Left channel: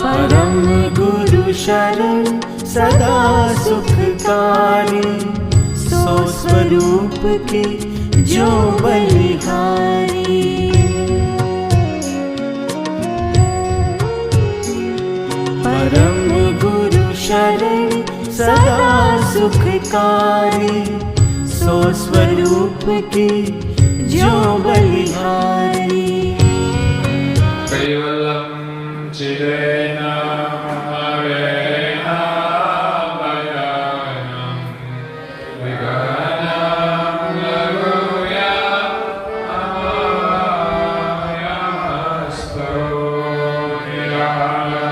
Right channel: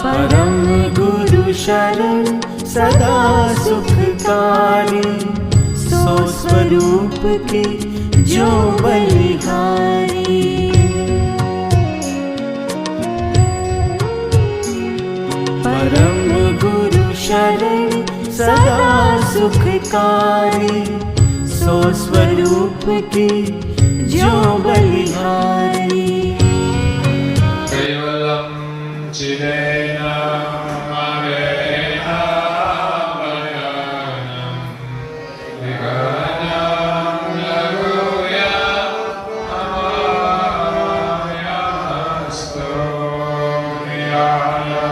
परम गुरु शरण सदा सुखकारी, सो स्वरूप की जो बलिहारी। परम गुरु शरण सदा सुखकारी, सो स्वरूप की जो बलिहारी। कैवल्यं चिदेन मरेण भजनं विघ्नं लघुयामस्तु निरालं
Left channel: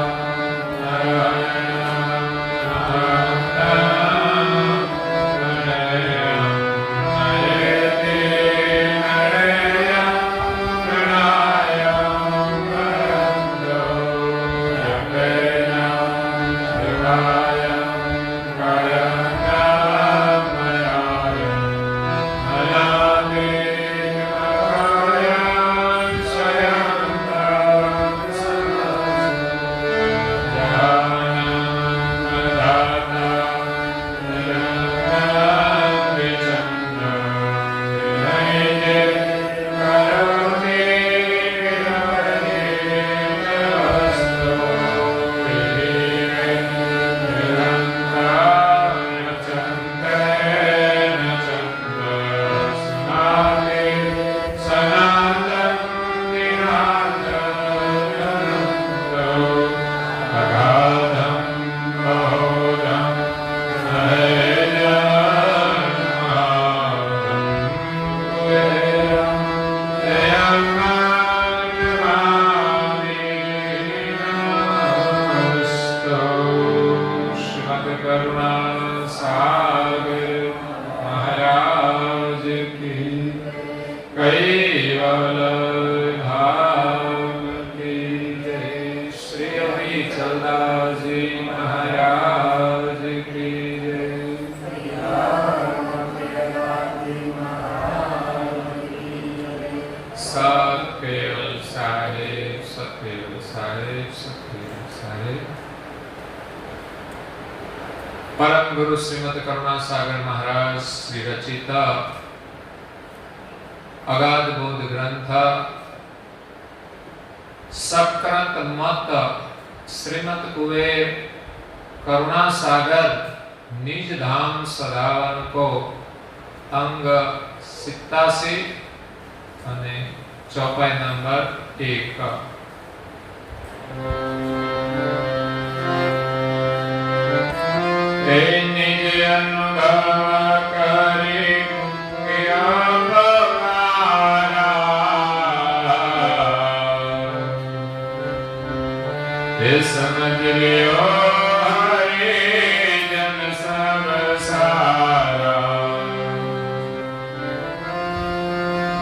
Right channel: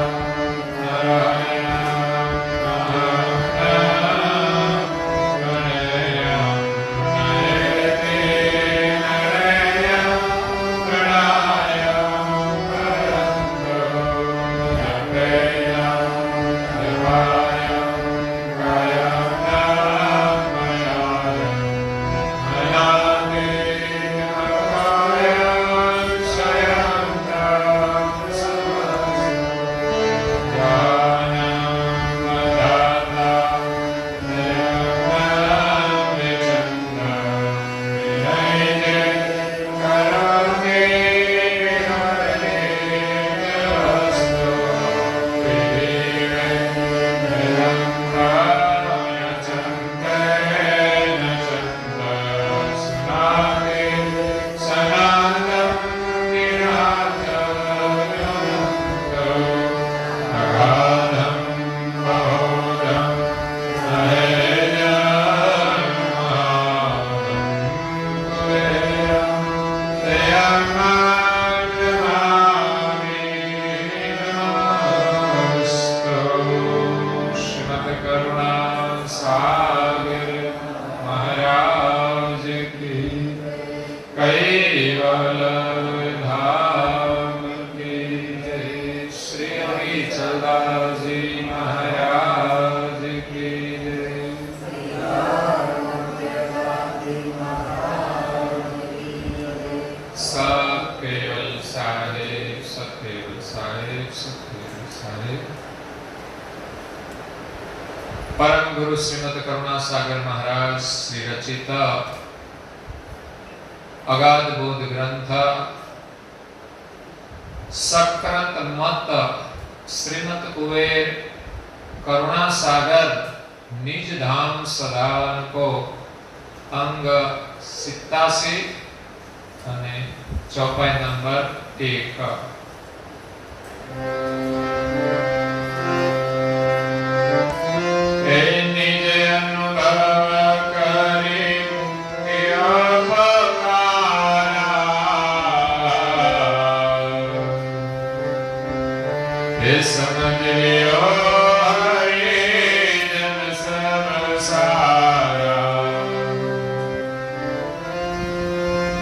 परम गुरु श्रीमद करुणा सागर महाराज श्री रचित अगाध बोध ग्रंथ सक्रत मत श्रीमद कुबेर करुणा सागर निज धाम सदावन को अंग 87 અને ચોપાઈ નંબર 1।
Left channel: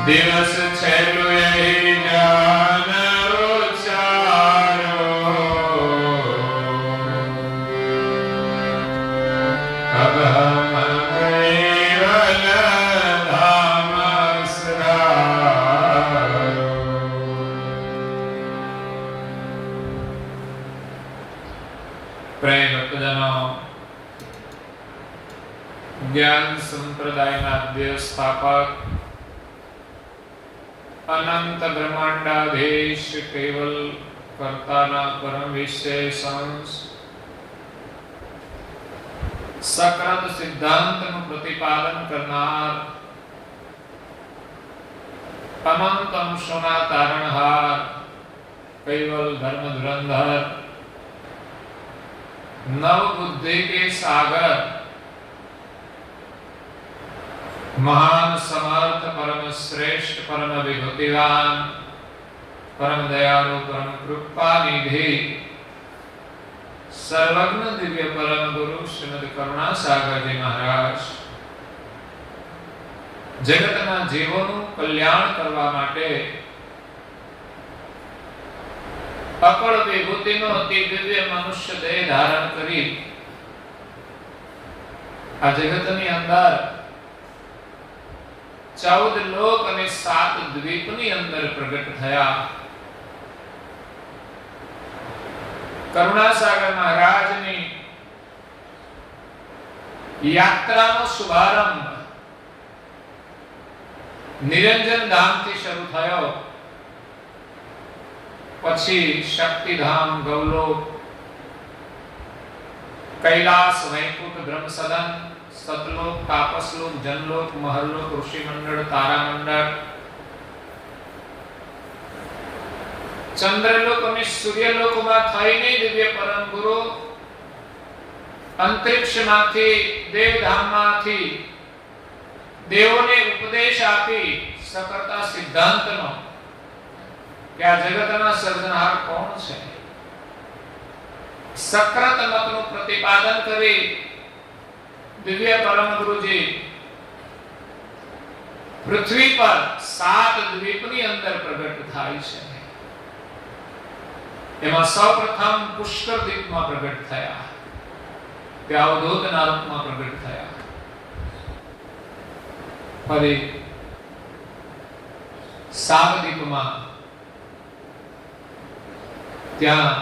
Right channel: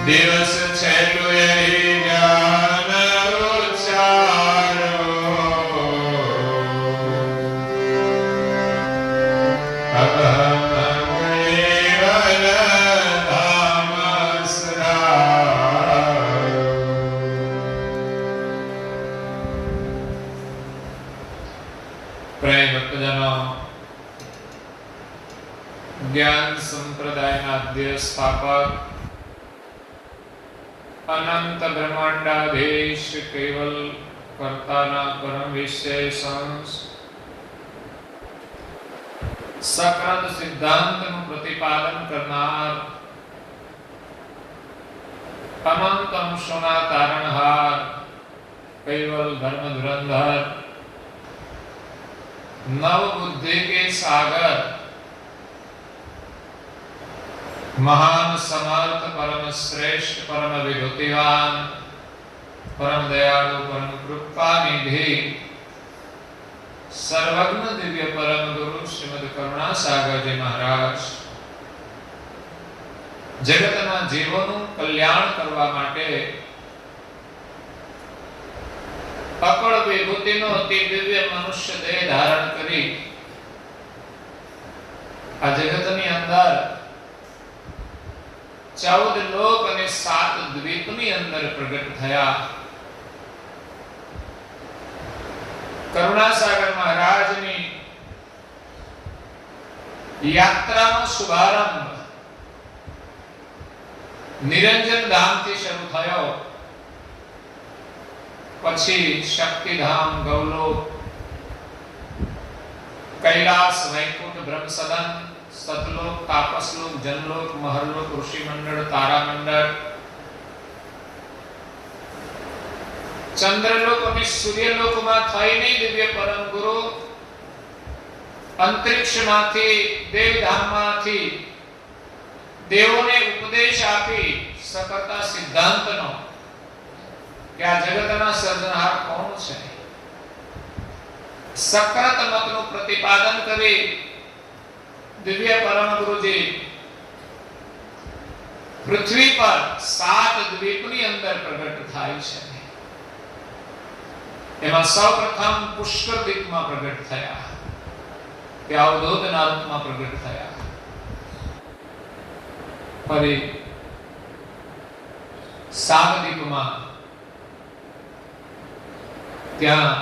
दिवस छेलु यही ज्ञान उच्चारो, अब हम केवल धाम सरायो। प्रेम भक्तजनों, ज्ञान संप्रदाय आद्य स्थापक अनंत ब्रह्मांडाधीश केवल कर्ताना परम विशेष सकृत सिद्धांत प्रतिपादन करनार अनंत अंशोना तारणहार केवल धर्म धुरंधर नव बुद्धि के सागर महान समर्थ परम श्रेष्ठ परम विभूतिवान परम दयालु परम कृपा निधि सर्वज्ञ दिव्य परम गुरु श्रीमद करुणा सागर जी महाराज जगतना जीवोनु कल्याण करवा माटे अकल विभूतिनो अति दिव्य मनुष्य देह धारण करी आ जगतनी अंदर 14 लोक અને 7 દ્વીપની અંદર પ્રગટ થયા। કરુણાસાગર મહારાજની યાત્રાનો શુભારંભ નિરંજન ધામથી શરૂ થયો, પછી શક્તિધામ, ગૌલોક, કૈલાસ, વૈકુંઠ, બ્રહ્મસદન, સતલોક, તાપસલોક, જનલોક, મહરલોક, ઋષિમંડળ, તારામંડળ, ચંદ્રલોક અને સૂર્યલોકમાં થઈને દિવ્ય પરમ ગુરુ અંતરિક્ષમાંથી, દેવધામમાંથી દેવોને ઉપદેશ આપી સકળતા સિદ્ધાંતનો કે આ જગતના સર્જનહાર કોણ છે, સક્રત મતનું પ્રતિપાદન કરી દિવ્ય પરમ ગુરુજી પૃથ્વી પર 7 દ્વીપની અંદર પ્રગટ થાય છે. એમાં સૌપ્રથમ પુષ્કર દ્વીપમાં પ્રગટ થયા, તે અવધૂતના રૂપમાં પ્રગટ થયા. ફરી સાગદીપમાં ત્યાં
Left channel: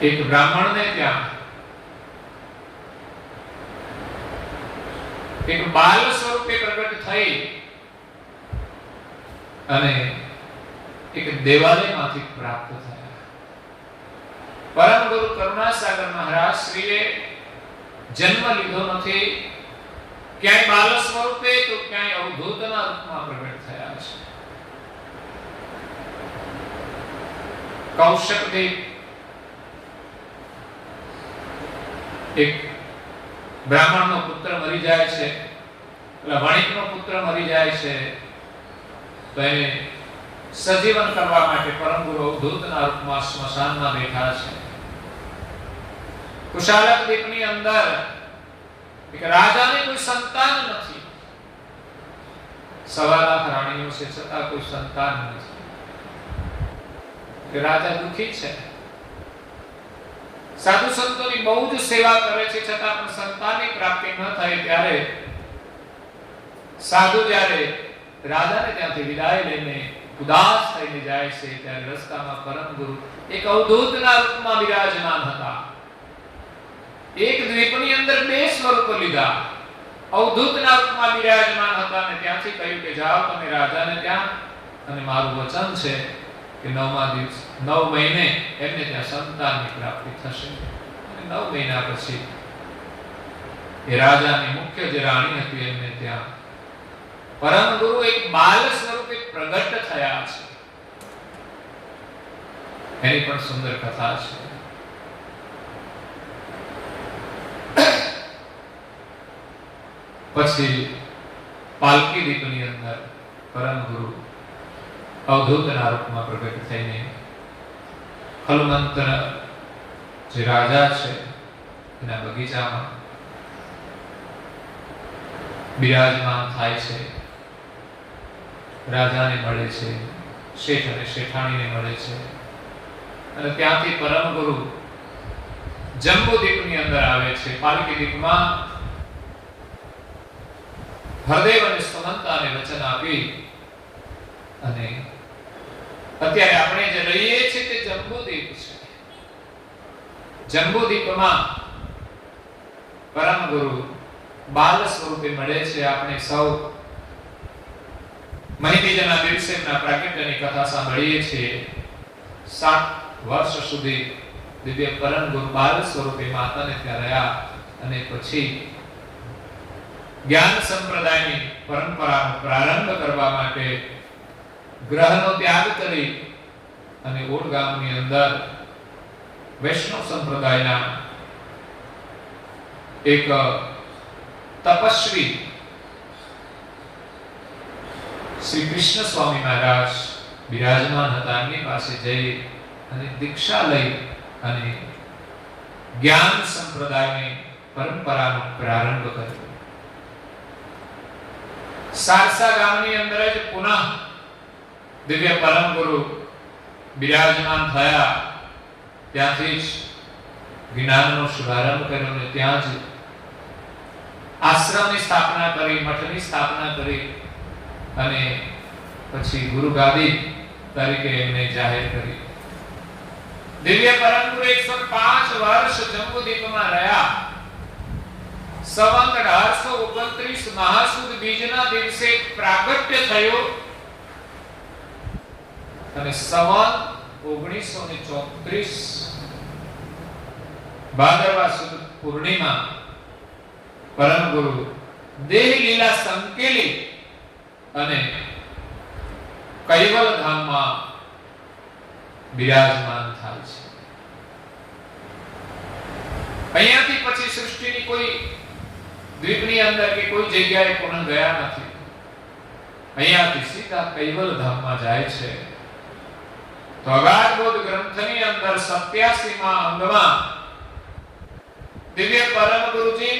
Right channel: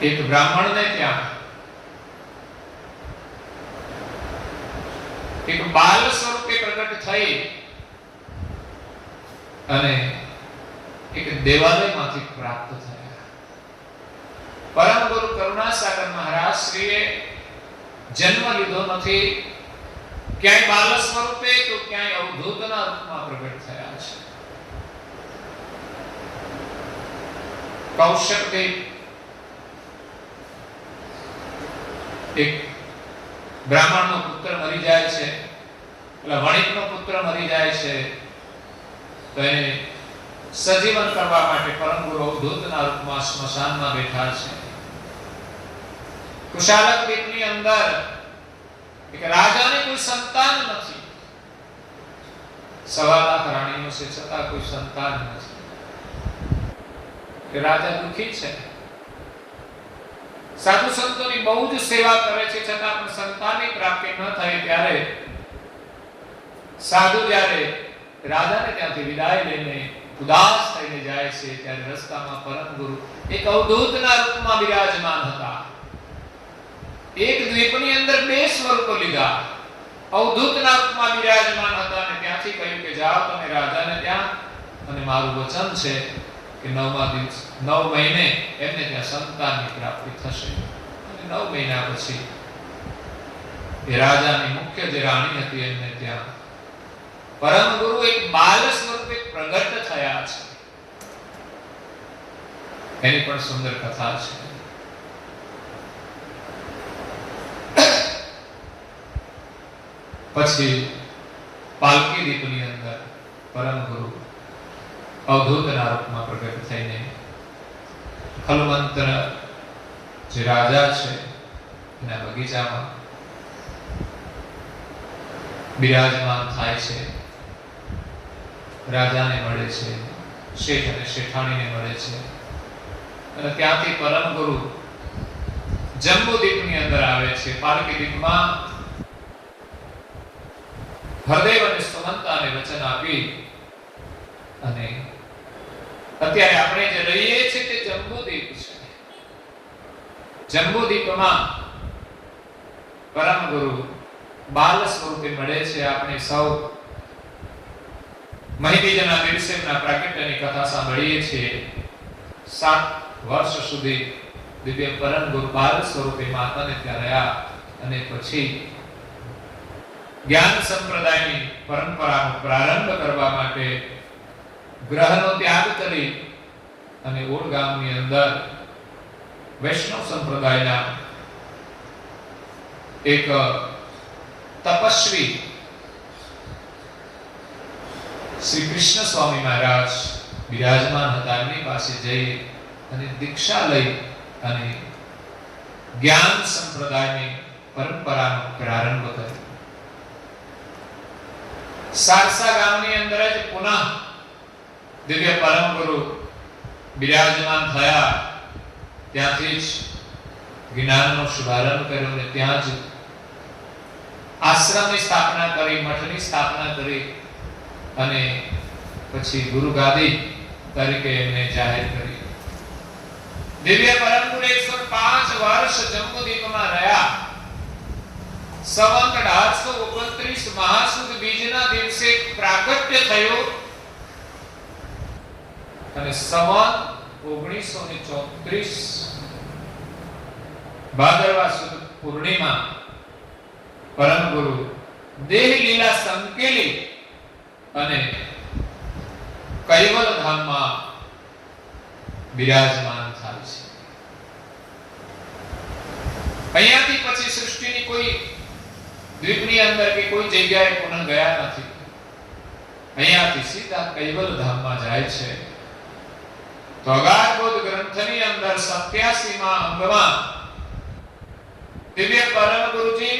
એક બ્રાહ્મણને ત્યાં એક બાલ સ્વરૂપે પ્રગટ થઈ અને એક દેવાલયમાંથી પ્રાપ્ત થયા. પરમ ગુરુ કરુણાસાગર મહારાજ શ્રીએ જન્મ લીધો નથી, ક્યાંય બાલ સ્વરૂપે તો ક્યાંય અવધૂતના રૂપમાં પ્રગટ થયા છે. કૌશકદેવ એક બ્રાહ્મણનો પુત્ર મરી જાય છે, એટલે વણિકનો પુત્ર મરી જાય છે, તો એને સજીવન કરવા માટે પરમ ગુરુ અવધૂતના રૂપમાં સ્મશાનમાં બેઠા છે. કુશાલક દ્વીપની અંદર એક રાજાને કોઈ સંતાન નથી, 1.25 લાખ રાણીઓ છે છતાં કોઈ સંતાન નથી. રાજા દુખી છે, સાધુ સંતોની બહુ જ સેવા કરે છે, છતાં પણ સંતાનની પ્રાપ્તિ ન થાય ત્યારે સાધુ જ્યારે રાજાને ત્યાંથી વિદાય લઈને ઉદાસ થઈને જાય છે, ત્યારે રસ્તામાં પરમ ગુરુ એક અવધૂતના રૂપમાં બિરાજમાન હતા. એક દ્વીપની અંદર 2 સ્વરૂપ લીધા, અવધૂતના રૂપમાં બિરાજમાન હતા અને ત્યાંથી કહ્યું કે જાઓ તમે રાજાને ત્યાં, અને મારું વચન છે કે 9મા દિવસ 9 મહિને એમને ત્યાં સંતાનની પ્રાપ્તિ થશે. અને 9 મહિના પછી એ રાજાની મુખ્ય જે રાણી હતી એમને ત્યાં પરમ ગુરુ એક બાલ સ્વરૂપે પ્રગટ થયા છે. એની પણ સુંદર કથા છે. પછી પાલકી દીપની અંદર પરમ ગુરુ અવધૂતના રૂપમાં પ્રગટ થઈને ખલમંત્ર જે રાજા છે એના બગીચામાં બિરાજમાન થાય છે. રાજાને મળે છે, શેઠ અને શેઠાણીને મળે છે, અને ત્યાંથી પરમ ગુરુ જંબુદ્વીપની અંદર આવે છે. પાલકી દ્વીપમાં હરદેવ અને સુમંતાને વચન આપી અને અત્યારે આપણે જે રહીએ છીએ તે જંબુદ્વીપ છે. જંબુદ્વીપમાં પરમ ગુરુ બાલ સ્વરૂપે મળે છે. આપણે સૌ મહિતીજના દિવસેના પ્રાગટ્યની કથા સાંભળીએ છીએ. 7 વર્ષ સુધી દિવ્ય પરમ ગુરુ બાલ સ્વરૂપે માતાને ત્યાં રહ્યા અને પછી જ્ઞાન સંપ્રદાયની પરંપરાનો પ્રારંભ કરવા માટે ગ્રહનો ત્યાગ કરી અને ઓડ ગામની અંદર વૈષ્ણવ સંપ્રદાયના એક તપસ્વી શ્રી કૃષ્ણ સ્વામી મહારાજ બિરાજમાન હતા. એમની પાસે જઈ અને દીક્ષા લઈ અને જ્ઞાન સંપ્રદાયની પરંપરાનો પ્રારંભ કર્યો. સારસા ગામની અંદર જ પુનઃ દિવ્ય પરમ ગુરુ બિરાજમાન થયા. ત્યાંથી જ જ્ઞાનનો શુભારંભ કર્યો અને ત્યાં જ આશ્રમની સ્થાપના કરી, મઠની સ્થાપના કરી અને પછી ગુરુ ગાદી તરીકે એમને જાહેર કરી. દિવ્ય પરમ ગુરુ 105 વર્ષ જંબુદ્વીપમાં રહ્યા. સંવત 1829 મહાસુદ બીજના દિવસે પ્રાગટ્ય થયું અને સંવત 1934 ભાદરવા સુદ પૂર્ણિમા પરમ ગુરુ દેહ લીલા સંકેલી અને કૈવલ ધામમાં બિરાજમાન થાય છે. અહીંયાથી પછી સૃષ્ટિની કોઈ દ્વીપની અંદર કે કોઈ જગ્યાએ પુનઃ ગયા નથી. અહીંયાથી સીધા કૈવલ ધામમાં જાય છે. તો અગાધબોધ ગ્રંથની અંદર 87માં અંગમાં દિવ્ય પરમ ગુરુજી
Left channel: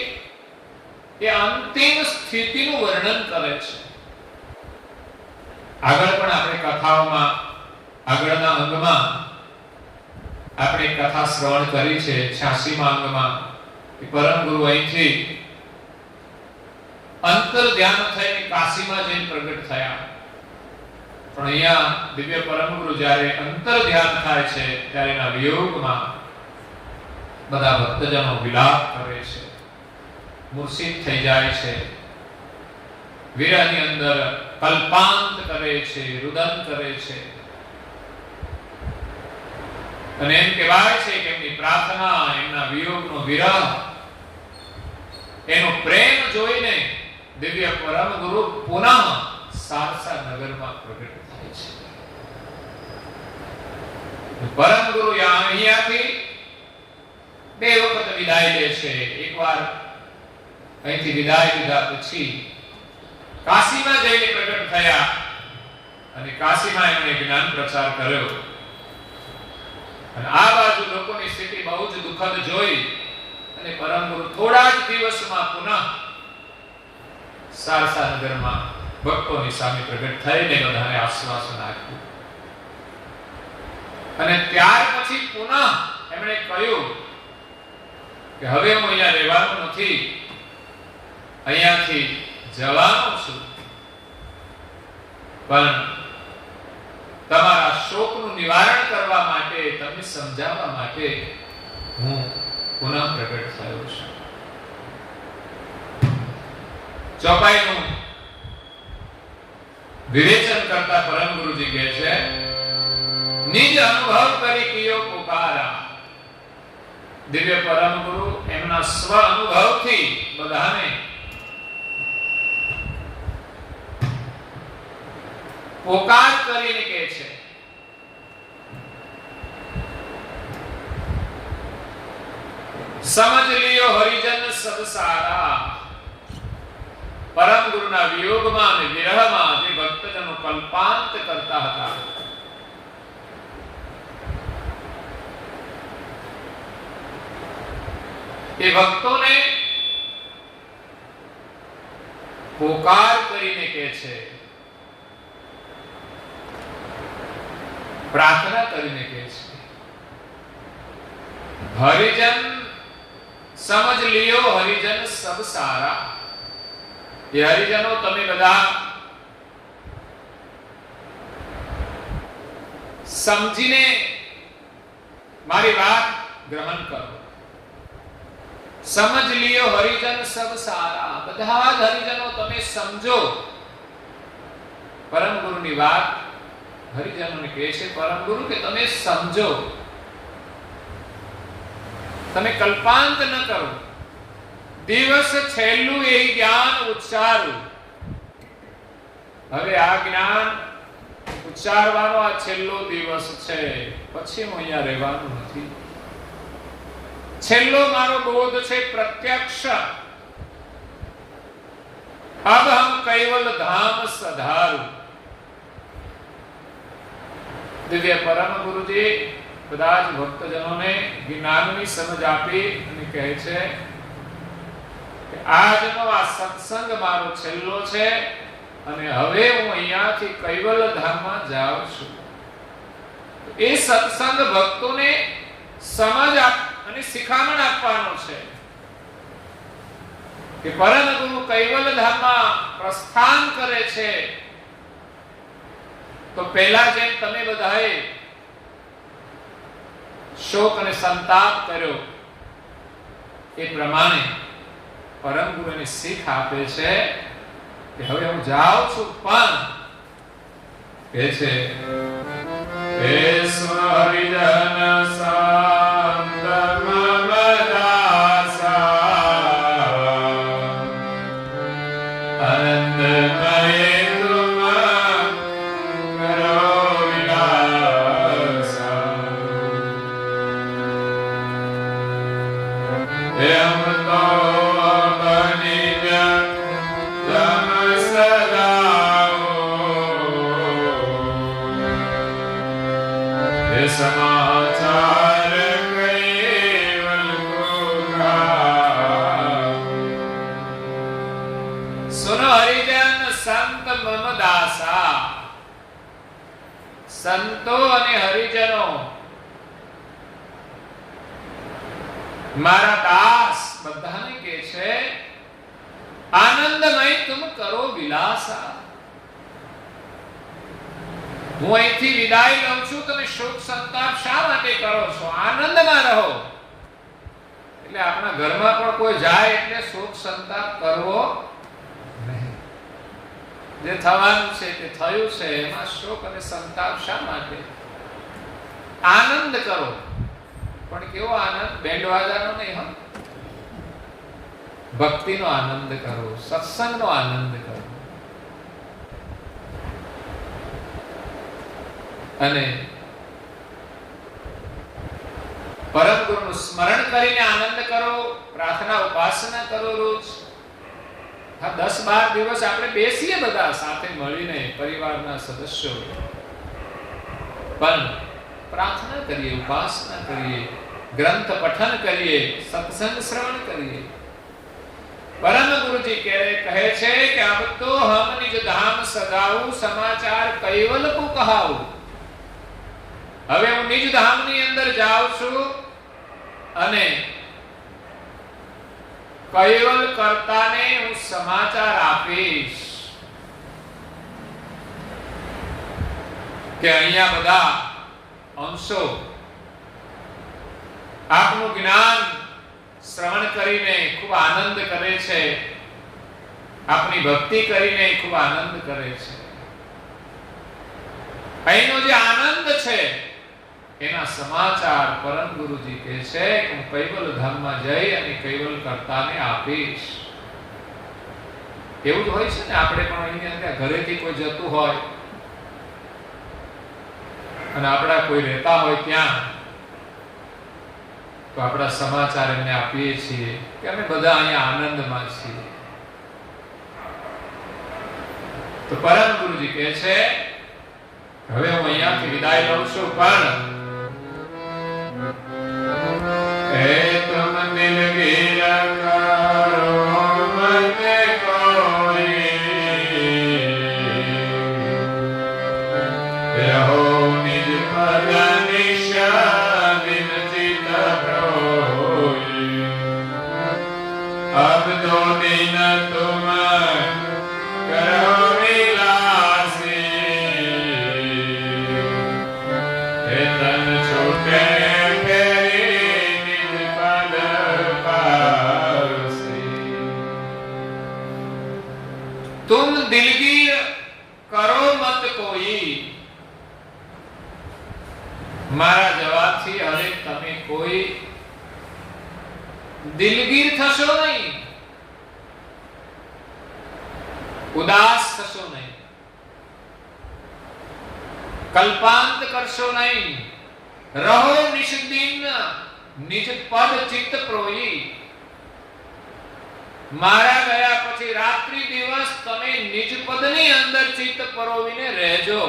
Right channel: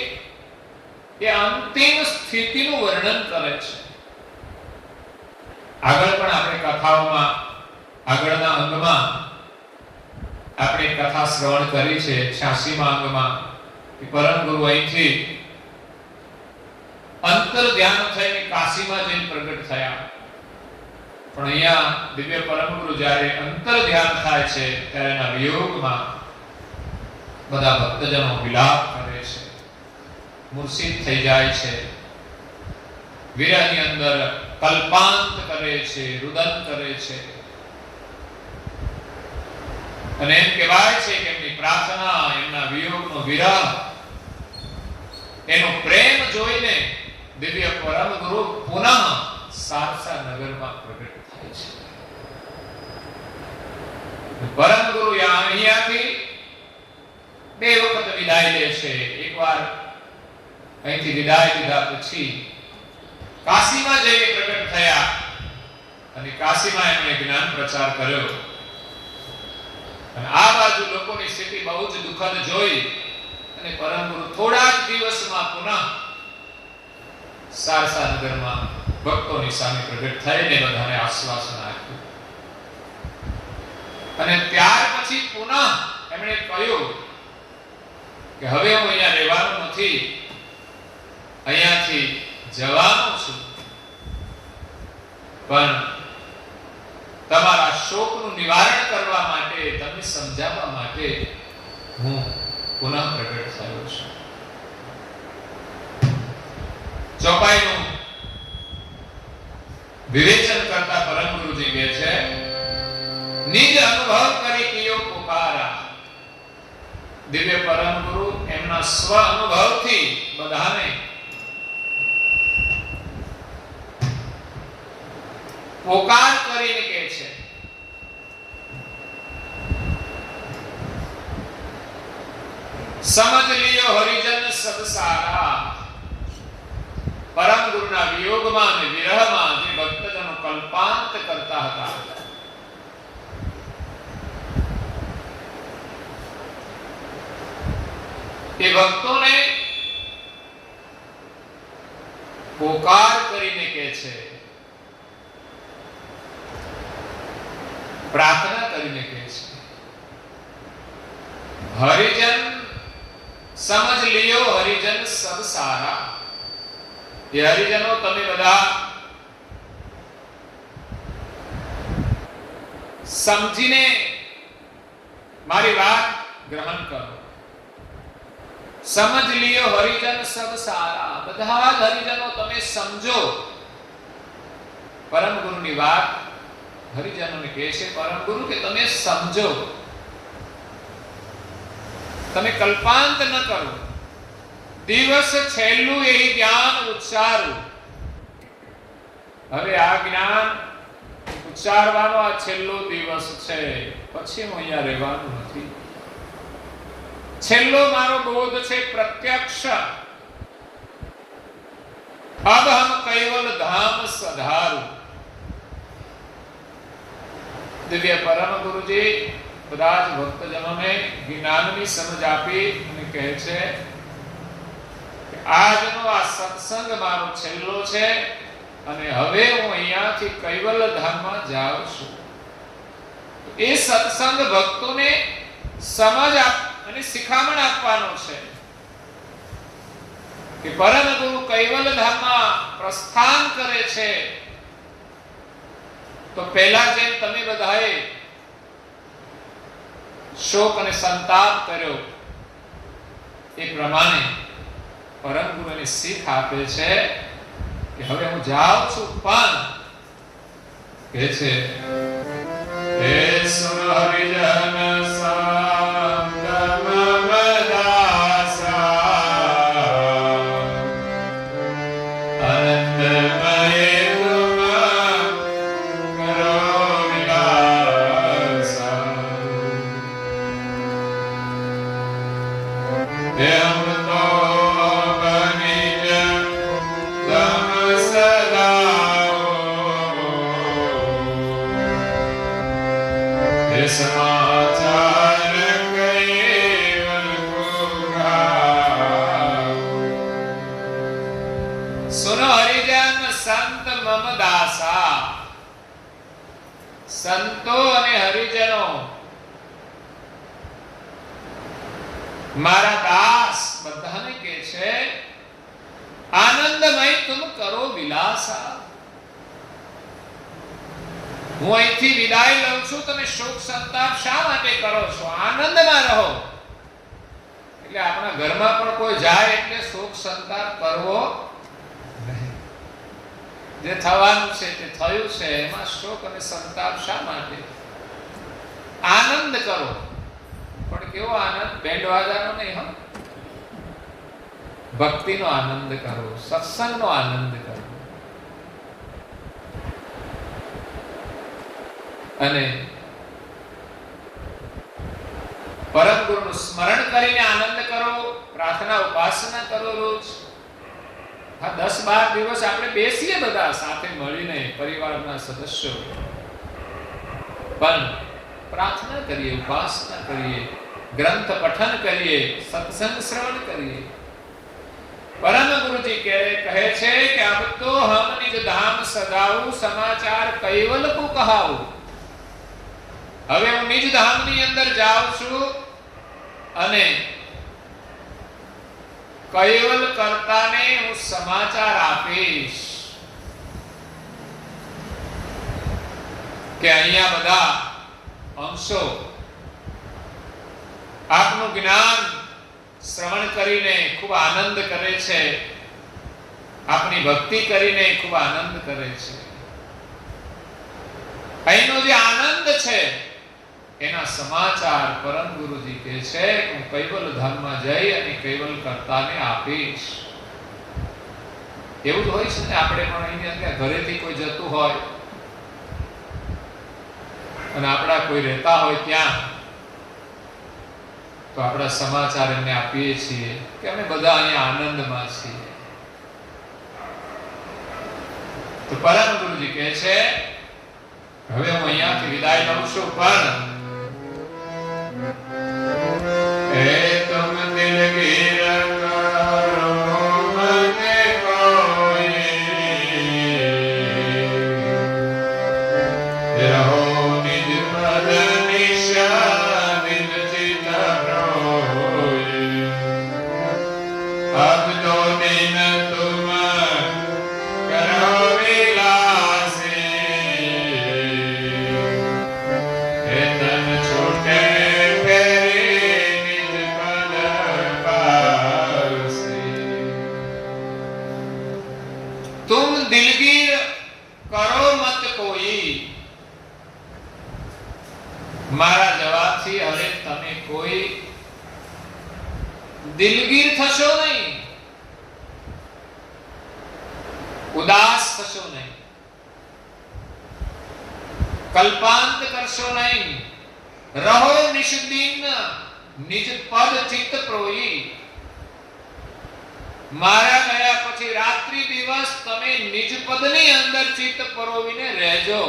એ અંતિમ સ્થિતિનું વર્ણન કરે છે. આગળ પણ આપણે કથાઓમાં આગળના અંગમાં આપણે કથા શ્રવણ કરી છે. 86માં અંગમાં કે પરમ ગુરુ અહીંથી અંતર ધ્યાન થઈને કાશીમાં જઈને પ્રગટ થયા. પણ અહીંયા દિવ્ય પરમ ગુરુ જ્યારે અંતર ધ્યાન થાય છે ત્યારે એના વિયોગમાં બધા ભક્તજનો વિલાપ કરે છે, મૂર્છિત થઈ જાય છે, વિરહની અંદર કલ્પાંત કરે છે, રુદન કરે છે. અને એમ કહેવાય છે કે એમની પ્રાર્થના, એમના વિયોગનો વિરહ, એનો પ્રેમ જોઈને દિવ્ય પરમ ગુરુ પુનઃ સારસા નગરમાં પ્રગટ થાય છે. પરમ ગુરુ અહીંયાથી બે વખત વિદાય લે છે. એકવાર અહીંથી વિદાય લીધા પછી કાશીમાં જઈને પ્રગટ થયા અને કાશીમાં એમણે જ્ઞાન પ્રચાર કર્યો. અને આ બાજુ લોકોની સ્થિતિ બહુ જ દુઃખદ જોઈ અને પરમ ગુરુ થોડા જ દિવસમાં પુનઃ સારસા નગરમાં ભક્તોની સામે પ્રગટ થઈને બધાને આશ્વાસન આપ્યું. અને ત્યાર પછી પુનઃ એમણે કહ્યું કે હવે હું અહીંયા રહેવાનું નથી, અહીંયાથી જવાનો છું, પણ તમારા શોકનું નિવારણ કરવા માટે, તમને સમજાવવા માટે હું પુનઃ પ્રગટ થયો છું. ચોપાઈનું વિવેચન કરતા પરમ ગુરુજી કહે છે, નિજ અનુભવ કરી કયો પુકારા. દિવ્ય પરમ ગુરુ એમના સ્વ અનુભવથી બધાને પોકાર કરીને કહે છે. સમજ લિયો હરિજન સબ સારા. પરમ ગુરુના વિયોગમાં અને વિરહમાં જે ભક્તજનો કલ્પાંત કરતા હતા, એ ભક્તોને પોકાર કરીને કહે છે, પ્રાર્થના કરીને કહે છે, હરિજન સમજ લિયો હરિજન સબ સારા. એ હરિજનો તમે બધા સમજીને મારી વાત ગ્રહણ કરો. સમજ લિયો હરિજન સબ સારા. બધા જ હરિજનો તમે સમજો. પરમ ગુરુની વાત હરિજનોને કહે છે પરમ ગુરુ કે તમે સમજો, તમે કલ્પાંત ન કરો. દિવસ છેલ્લું એ જ્ઞાન ઉચ્ચારું. હવે આ જ્ઞાન ઉચ્ચારવાનો આ છેલ્લો દિવસ છે, પછી હું અહીંયા રહેવાનું નથી. છેલ્લો મારો બોધ છે પ્રત્યક્ષ. અબ હમ કૈવલ ધામ સધારું. દિવ્ય પરમ ગુરુજી બધા જ ભક્તજનોને જ્ઞાનની સમજ આપી અને કહે છે કે આજનો આ સત્સંગ મારો છેલ્લો છે અને હવે હું અહીંયાથી કૈવલ ધામમાં જાઉં છું. એ સત્સંગ ભક્તોને સમજ અને શિખામણ આપવાનો છે કે પરમ ગુરુ કૈવલ ધામમાં પ્રસ્થાન કરે છે તો પહેલા જેમ તમે બધાએ શોક અને સંતાપ કર્યો એ પ્રમાણે પરમ ગુરુની શીખ આપે છે કે હવે હું જાઉં છું, પણ કહે છે હે હરિજન સંત મમ દાસા આનંદમય તુમ કરો વિલાસા હે અમૃતો બનિજ તમ સદાઓ હે સમાચાર કૈવલ કો ગાઓ સુનો હરિજન સંત મમ દાસા. સંતો અને હરિજનો મારા દાસ બધાને કહે છે આનંદમય તુમ કરો વિલાસા. હું અહીંથી વિદાય લઉં છું, તમે શોક સંતાપ શા માટે કરો છો? આનંદમાં રહો. એટલે આપણા ઘરમાં પણ કોઈ જાય એટલે શોક સંતાપ કરવો નહીં. જે થવાનું છે તે થયું છે, એમાં શોક અને સંતાપ શા માટે? આનંદ કરો, પણ કેવો આનંદ? બેન્ડ વાજાનો નહીં, હો. ભક્તિનો આનંદ કરો, સત્સંગનો આનંદ કરો. અને પરમ ગુરુનું સ્મરણ કરીને આનંદ કરો, પ્રાર્થના ઉપાસના કરો રોજ. હા, 10-12 દિવસ આપણે બેસીએ બધા સાથે મળીને પરિવારના સદસ્યો, પણ પ્રાર્થના કરીએ, ઉપાસના કરીએ, ગ્રંથ પઠન કરીએ, સત્સંગ શ્રવણ કરીએ. પરમ ગુરુજી કહે છે કે અબ તો હમ નિજ ધામ સદાઉ સમાચાર કૈવલ કો કહાઉ. હવે હું નિજ ધામની અંદર જાઉં છું અને કૈવલ કર્તાને હું સમાચાર આપીશ કે અહીંયા બધા અંશો આપનું જ્ઞાન શ્રવણ કરીને ખૂબ આનંદ કરે છે, આપની ભક્તિ કરીને ખૂબ આનંદ કરે છે. અહીંનો જે આનંદ છે એના સમાચાર પરમ ગુરુજી કહે છે કે હું કૈવલ ધામમાં જઈ અને કૈવલ કર્તાને આપીશ. એવું જ હોય છે ને, આપણે પણ અહીંયા ઘરેથી કોઈ જતું હોય અને આપણા કોઈ રહેતા હોય ત્યાં, તો આપણા સમાચાર એમને આપીએ છીએ કે અમે બધા અહીંયા આનંદમાં છીએ. તો પરમ ગુરુજી કહે છે હવે હું અહીંયાથી વિદાય લઉં છું, પણ હે તુમ દિલગીર કરો મતે કોઈ રહો નિજ પદ નિશા બિન ચિત રોઈ. અબ દો દિન તુમ કરો વિલાસી. હે તન છૂટે ફેરી નિજ પદ પાસી. તુમ દિલગીર કરો મત કોઈ. મારા જવાબથી હવે તમે કોઈ દિલગીર થશો નહીં, ઉદાસ થશો નહીં, કલ્પાંત કરશો નહીં. રહો નિષ્દિન નિજ પદ ચિત્ત પ્રોઈ. મારા ગયા પછી રાત્રિ દિવસ તમે નિજ પદની અંદર ચિત્ત પરોવીને રહેજો.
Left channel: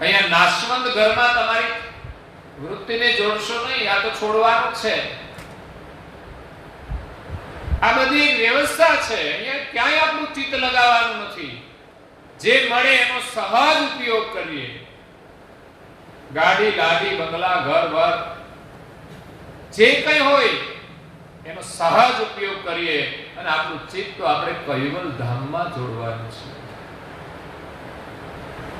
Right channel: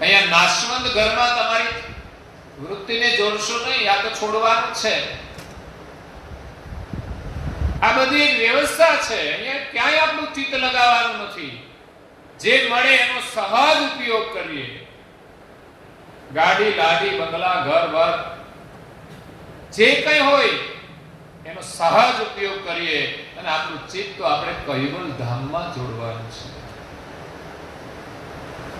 અહીંયા નાશવંત ઘરમાં તમારી વૃત્તિને જોડશો નહીં, આ તો છોડવાનું છે. આ બધી એક વ્યવસ્થા છે, અહીંયા ક્યાંય આપણું ચિત્ત લગાવવાનું નથી. જે મળે એનો સહજ ઉપયોગ કરીએ. ગાડી લાડી બંગલા ઘર બર જે કંઈ હોય એનો સહજ ઉપયોગ કરીએ અને આપણું ચિત્ત તો આપણે કૈવલ ધામમાં જોડવાનું છે.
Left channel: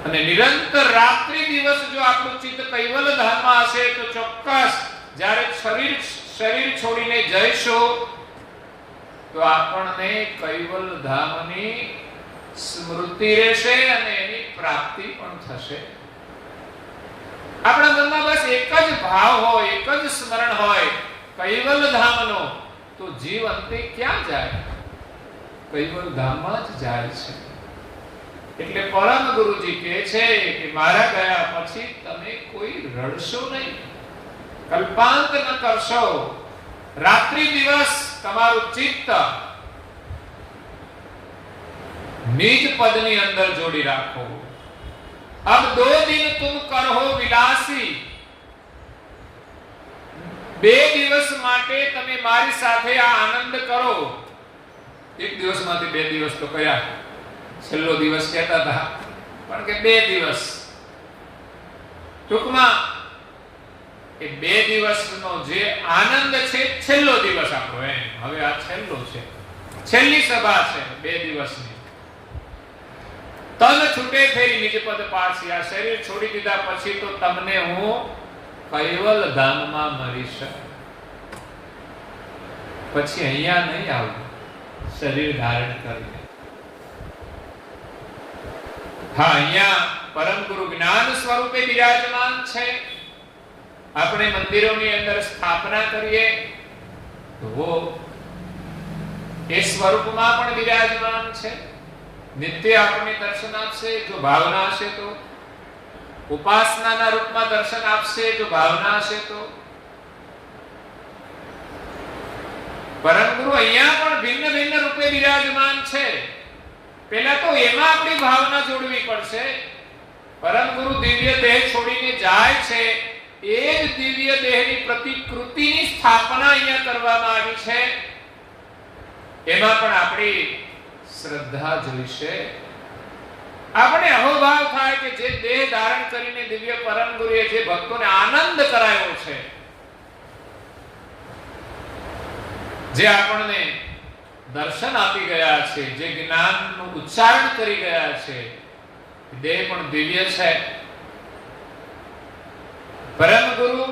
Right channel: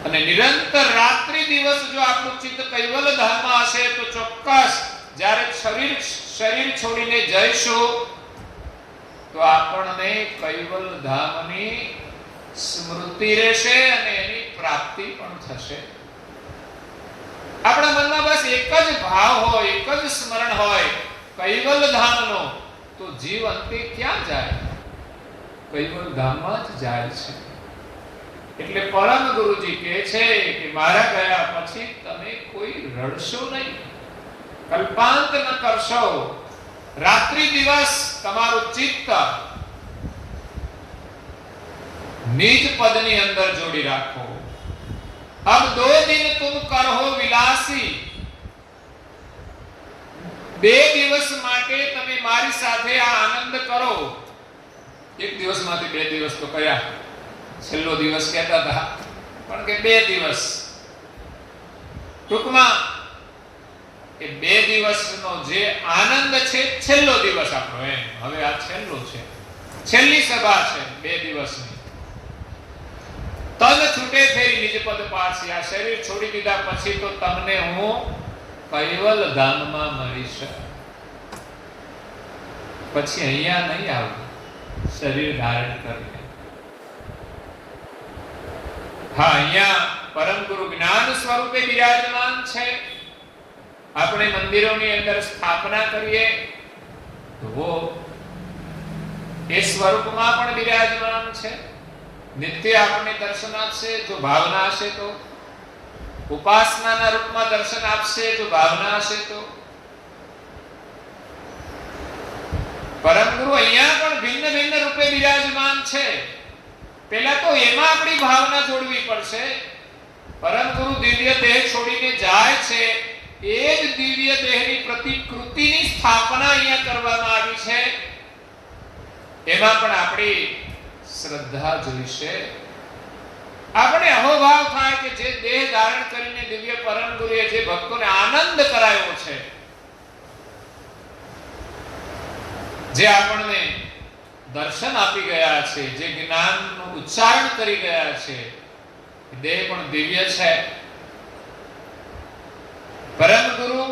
અને નિરંતર રાત્રિ દિવસ જો આપણું ચિત્ત કૈવલ ધામમાં હશે તો ચોક્કસ જ્યારે શરીર છોડીને જઈશું તો આપણને કૈવલ ધામની સ્મૃતિ રહેશે અને એની પ્રાપ્તિ પણ થશે. આપણા મનમાં બસ એક જ ભાવ હોય, એક જ સ્મરણ હોય કૈવલ ધામનો, તો જીવ અંતે ક્યાં જાય? કૈવલ ધામમાં જ જાય છે. એટલે પરમ ગુરુજી કહે છે કે મારા ગયા પછી તમે કોઈ રડશો નહીં, કલ્પાંત ન કરશો. રાત્રિ દિવસ તમારું ચિત્ત નિજ પદની અંદર જોડી રાખો. अब 2 दिन तुम करहो विलासी, 2 દિવસ માટે તમે મારી સાથે આ આનંદ કરો. એક દિવસમાંથી 2 દિવસ તો કયા છેલ્લો દિવસ કહેતા હતા, પણ કે 2 દિવસ ટૂંકમાં એ 2 દિવસનો જે આનંદ છે છેલ્લો દિવસ આપણો. એમ હવે આ છેલ્લો છે, છેલ્લી સભા છે 2 દિવસની. તન છૂટે ફેરી નિજ પદ પાછી, આ શરીર છોડી દીધા પછી તો તમને હું કૈવલ ધામમાં મળીશ. પછી અહીંયા નહીં આવું શરીર ધારણ કરીને. હા, અહીંયા પરમ ગુરુ જ્ઞાન સ્વરૂપે બિરાજમાન છે. આપણે મંદિરોની અંદર સ્થાપના કરીએ તો એ સ્વરૂપમાં પણ બિરાજમાન છે. નિત્ય આપણને દર્શન આપશે જો ભાવના હશે તો, ઉપાસનાના રૂપમાં દર્શન આપશે જો ભાવના હશે તો. પરમ ગુરુ અહીંયા પણ ભિન્ન ભિન્ન રૂપે બિરાજમાન છે. પહેલા તો એમાં આપણી ભાવના જોડવી પડશે. પરમ ગુરુ દિવ્ય દેહ છોડીને જાય છે, એ જ દિવ્ય દેહની પ્રતિકૃતિની સ્થાપના અહીંયા કરવામાં આવી છે. એમાં પણ આપણી શ્રદ્ધા જોઈશે. આપણે અહોભાવ થાય કે જે દેહ ધારણ કરીને દિવ્ય પરમ ગુરુએ જે ભક્તોને આનંદ કરાયો છે, જે આપણને દર્શન આપી ગયા છે, જે જ્ઞાનનું ઉચ્ચારણ કરી ગયા છે, દેહ પણ દિવ્ય છે. પરમ ગુરુ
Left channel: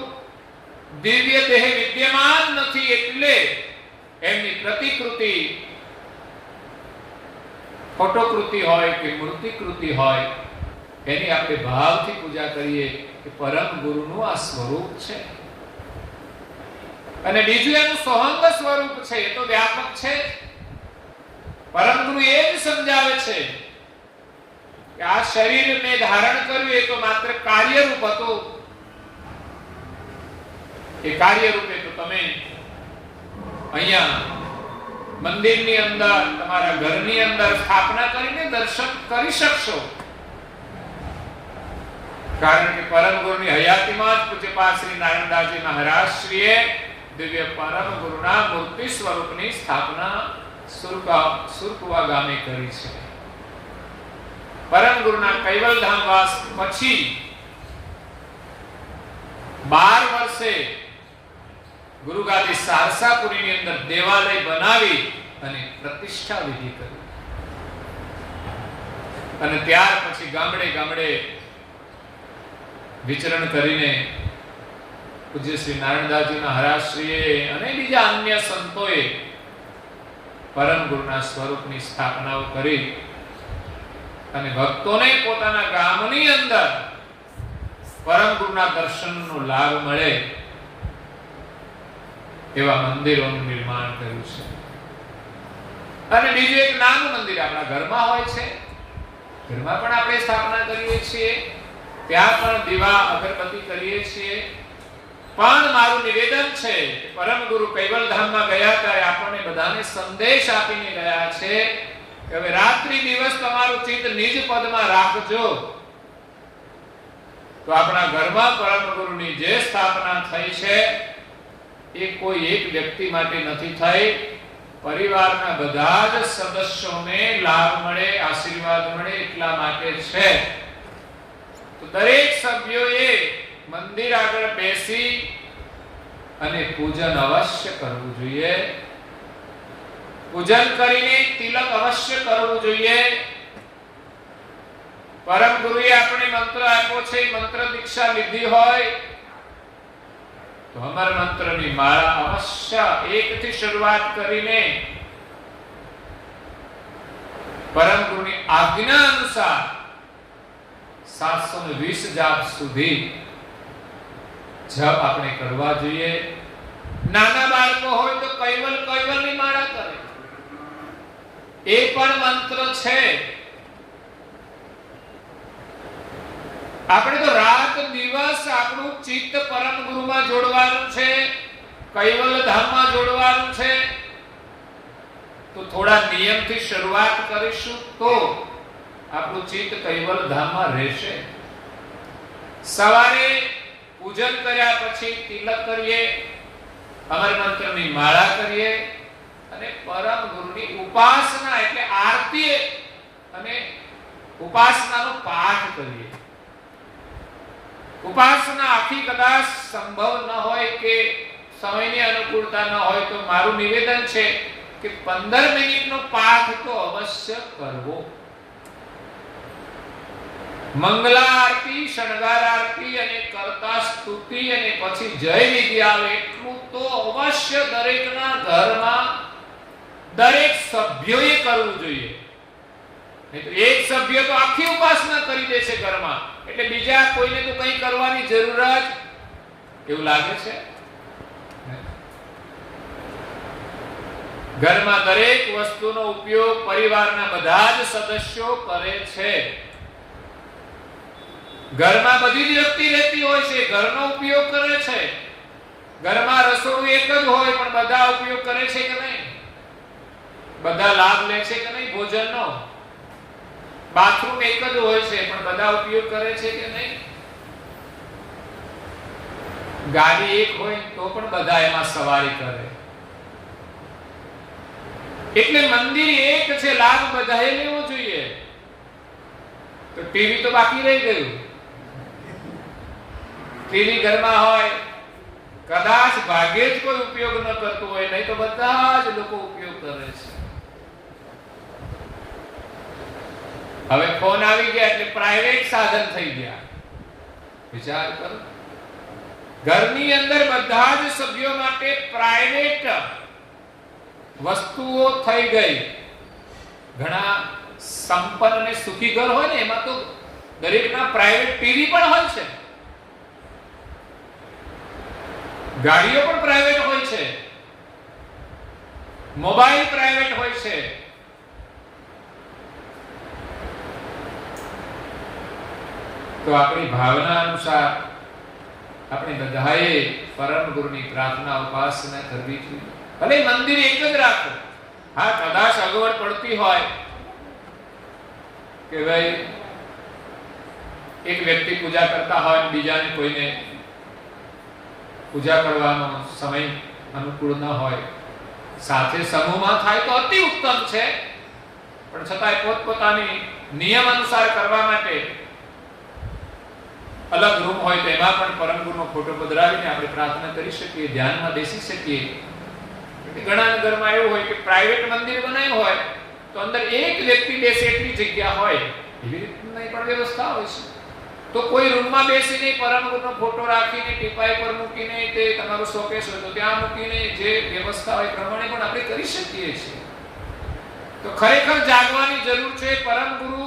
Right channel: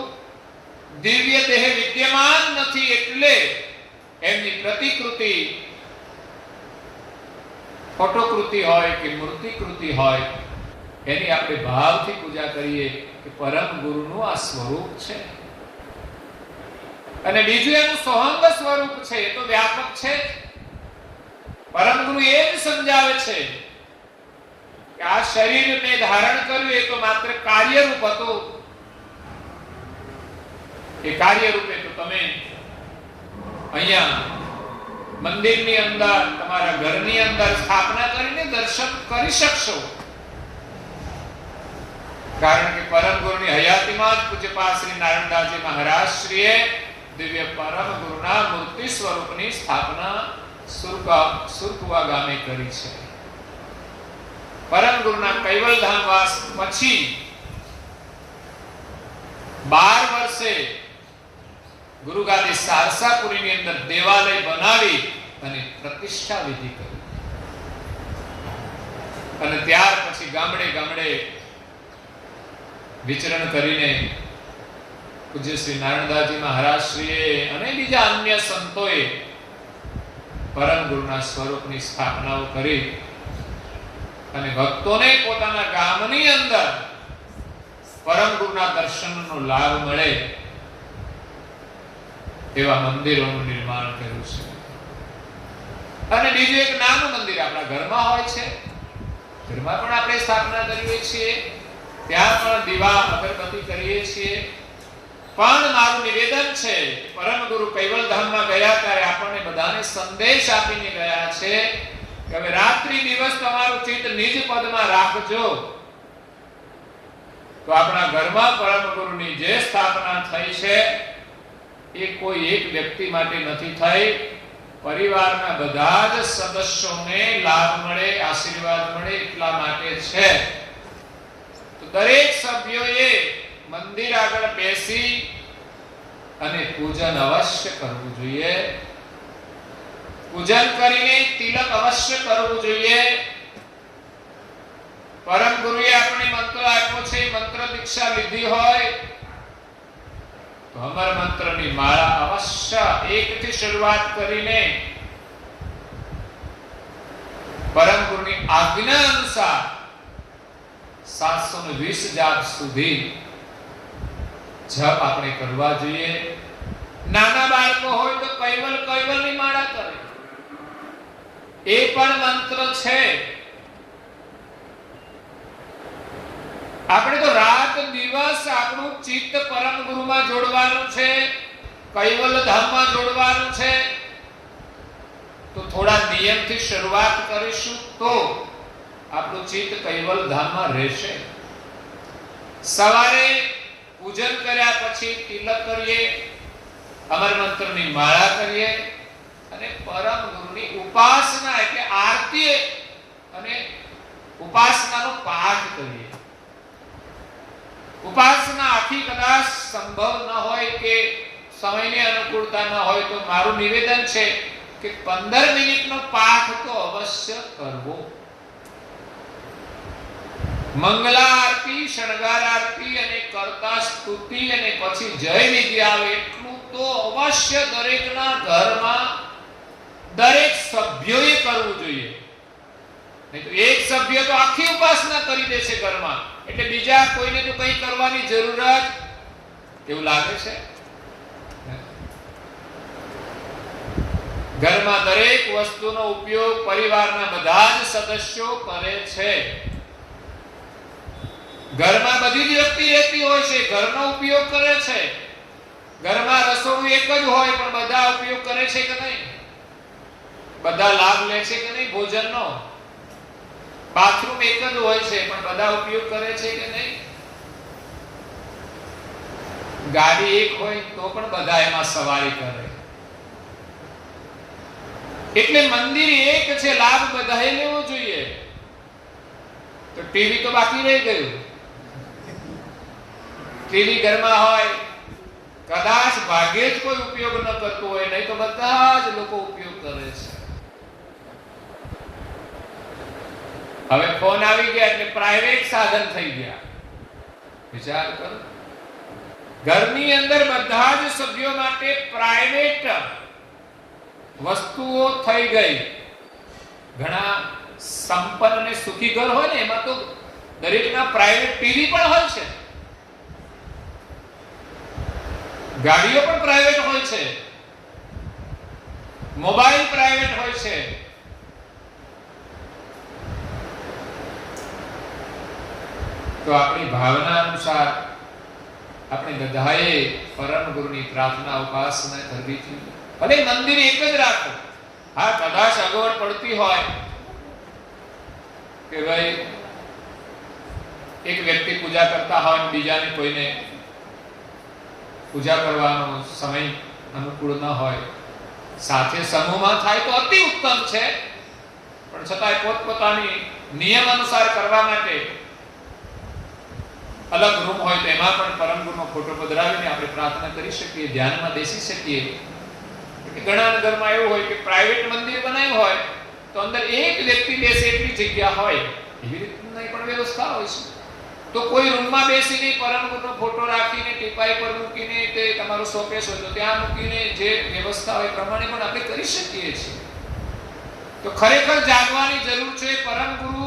દિવ્ય દેહ વિદ્યમાન નથી એટલે એમની પ્રતિકૃતિ ફોટોકૃતિ હોય કે મૂર્તિકૃતિ હોય એની આપણે ભાવથી પૂજા કરીએ કે પરમ ગુરુનું આ સ્વરૂપ છે. અને બીજું એનું સોહંગ સ્વરૂપ છે, એ તો વ્યાપક છે. પરમ ગુરુ એ જ સમજાવે છે કે આ શરીરને ધારણ કર્યું એ તો માત્ર કાર્યરૂપ હતું. એ કાર્યરૂપે તો તમે અહીંયા મંદિરની અંદર, તમારા ઘરની અંદર સ્થાપના કરીને દર્શન કરી શકશો. કારણ કે પરમ ગુરુની હયાતીમાં જ પૂજ્યપાદ શ્રી નારાયણદાસજી મહારાજ શ્રીએ દિવ્ય પરમ ગુરુના મૂર્તિ સ્વરૂપની સ્થાપના સુરકુવા ગામે કરી છે. પરમ ગુરુના કૈવલ ધામ વાસ પછી 12 વર્ષે ગુરુગાદી સારસાપુરીની અંદર દેવાલય બનાવી અને પ્રતિષ્ઠા વિધિ કરી. અને ત્યાર પછી ગામડે ગામડે વિચરણ કરીને પૂજ્ય શ્રી નારાયણદાસજી મહારાજ શ્રીએ અને બીજા અન્ય સંતોએ પરમ ગુરુના સ્વરૂપની સ્થાપનાઓ કરી અને ભક્તોને પોતાના ગામની અંદર પરમ ગુરુના દર્શનનો લાભ મળે એવા મંદિરોનું નિર્માણ કર્યું છે. અને બીજું એક નાનું મંદિર આપણા ઘરમાં હોય છે, ઘરમાં પણ આપણે સ્થાપના કરીએ છીએ, ત્યાં પણ દીવા અગરબત્તી કરીએ છીએ. પણ મારું નિવેદન છે કે પરમ ગુરુ કૈવલ ધામમાં ગયા ત્યારે આપણને બધાને સંદેશ આપીને ગયા છે કે હવે રાત્રિ દિવસ તમારું ચિત્ત નિજ પદમાં રાખજો. તો આપણા ઘરમાં પરમ ગુરુની જે સ્થાપના થઈ છે એ કોઈ એક વ્યક્તિ માટે નથી થઈ, પરિવારના બધા જ સદસ્યોને લાભ મળે, આશીર્વાદ મળે એટલા માટે છે. તો દરેક સભ્યોએ મંદિર આગળ બેસી અને પૂજન અવશ્ય કરવું જોઈએ. પૂજન કરીને તિલક અવશ્ય કરવું જોઈએ. પરમ ગુરુએ આપણે મંત્ર આપ્યો છે, મંત્ર દીક્ષા લીધી હોય તો અમર મંત્રની માળા અવશ્ય એકથી શરૂઆત કરીને પરમ ગુરુની આજ્ઞા અનુસાર 720 જાપ સુધી જપ આપણે કરવા જોઈએ. નાના બાળકો હોય તો કૈવલની માળા કરે, એ પણ મંત્ર છે. આપણે તો રાત દિવસ આપણું ચિત્ત પરમ ગુરુમાં જોડવાનું છે, કૈવલ ધામમાં જોડવાનું છે. તો થોડા નિયમથી શરૂઆત કરીશું તો આપણું ચિત્ત કૈવલ ધામમાં રહેશે. સવારે પૂજન કર્યા પછી તિલક કરીએ, અમર મંત્રની માળા કરીએ અને પરમ ગુરુની ઉપાસના એટલે આરતી અને ઉપાસનાનો પાઠ કરીએ. ઉપાસના આખી કદાચ સંભવ ન હોય કે સમયની અનુકૂળતા ન હોય તો મારું નિવેદન છે કે 15 મિનિટનો પાઠ તો અવશ્ય કરવો. મંગલા આરતી, શણગાર આરતી અને કરતા સ્તુતિ અને પછી જય વિધિ આવે એટલું તો અવશ્ય દરેકના ઘરમાં દરેક સભ્યોએ કરવું જોઈએ. નહીં તો એક સભ્ય તો આખી ઉપાસના કરી દેશે ઘરમાં, એટલે બીજા કોઈને તો કંઈ કરવાની જરૂરત એવું લાગે છે. ઘરમાં દરેક વસ્તુનો ઉપયોગ પરિવારના બધા જ સદસ્યો કરે છે. ઘરમાં બધી જ વ્યક્તિ રહેતી હોય છે, ઘરનો ઉપયોગ કરે છે. ઘરમાં રસોડું એક જ હોય પણ બધા ઉપયોગ કરે છે કે નહીં? બધા લાભ લે છે કે નહીં ભોજનનો? બાથરૂમ એક જ હોય છે પણ બધા ઉપયોગ કરે છે કે નહીં? ગાડી એક હોય તો પણ બધા એમાં સવારી કરે. એટલે મંદિર એક છે, લાભ બધાએ લેવો જોઈએ. તો ટીવી તો બાકી રહી ગયું. ટીવી ઘરમાં હોય, કદાચ ભાગ્યે જ કોઈ ઉપયોગ ન કરતું હોય, નહીં તો બધા જ લોકો ઉપયોગ કરે છે. હવે ફોન આવી ગયા એટલે પ્રાઇવેટ સાધન થઈ ગયા. વિચાર કરો, ઘરની અંદર બધા જ સભ્યો માટે પ્રાઇવેટ વસ્તુઓ થઈ ગઈ. ઘણા સંપન્ન અને સુખી ઘર હોય ને એમાં તો દરેકના પ્રાઇવેટ ટીવી પણ હોય છે, ગાડીઓ પણ પ્રાઇવેટ હોય છે, મોબાઈલ પ્રાઇવેટ હોય છે. તો આપણી ભાવના અનુસાર આપણે બધાએ પરમ ગુરુની પ્રાર્થના ઉપાસના કરવી જોઈએ. ભલે મંદિર એક જ રાખો. હા, કદાચ અગવડ પડતી હોય કે ભાઈ એક વ્યક્તિ પૂજા કરતા હોય અને બીજાને કોઈને પૂજા કરવાનો સમય અનુકૂળ ન હોય, સાથે સમૂહમાં થાય તો અતિ ઉત્તમ છે. પણ છતાંય પોતપોતાની નિયમ અનુસાર કરવા માટે અલગ રૂમ હોય તો એમાં પણ પરમ ગુરુનો ફોટો પધરાવીને આપણે પ્રાર્થના કરી શકીએ, ધ્યાનમાં બેસી શકીએ. ઘણા ઘરમાં એવું હોય કે પ્રાઇવેટ મંદિર બનાવ્યું હોય તો અંદર એક વ્યક્તિ બેસે એટલી જગ્યા હોય, એવી રીતની પણ વ્યવસ્થા હોય છે. તો કોઈ રૂમમાં બેસીને પરમ ગુરુનો ફોટો રાખીને ટીપાઈ પર મૂકીને તે તમારો શોકેસ હોય તો ત્યાં મૂકીને જે વ્યવસ્થા હોય પ્રમાણે પણ આપણે કરી શકીએ છીએ. તો ખરેખર જાગવાની જરૂર છે. પરમ ગુરુ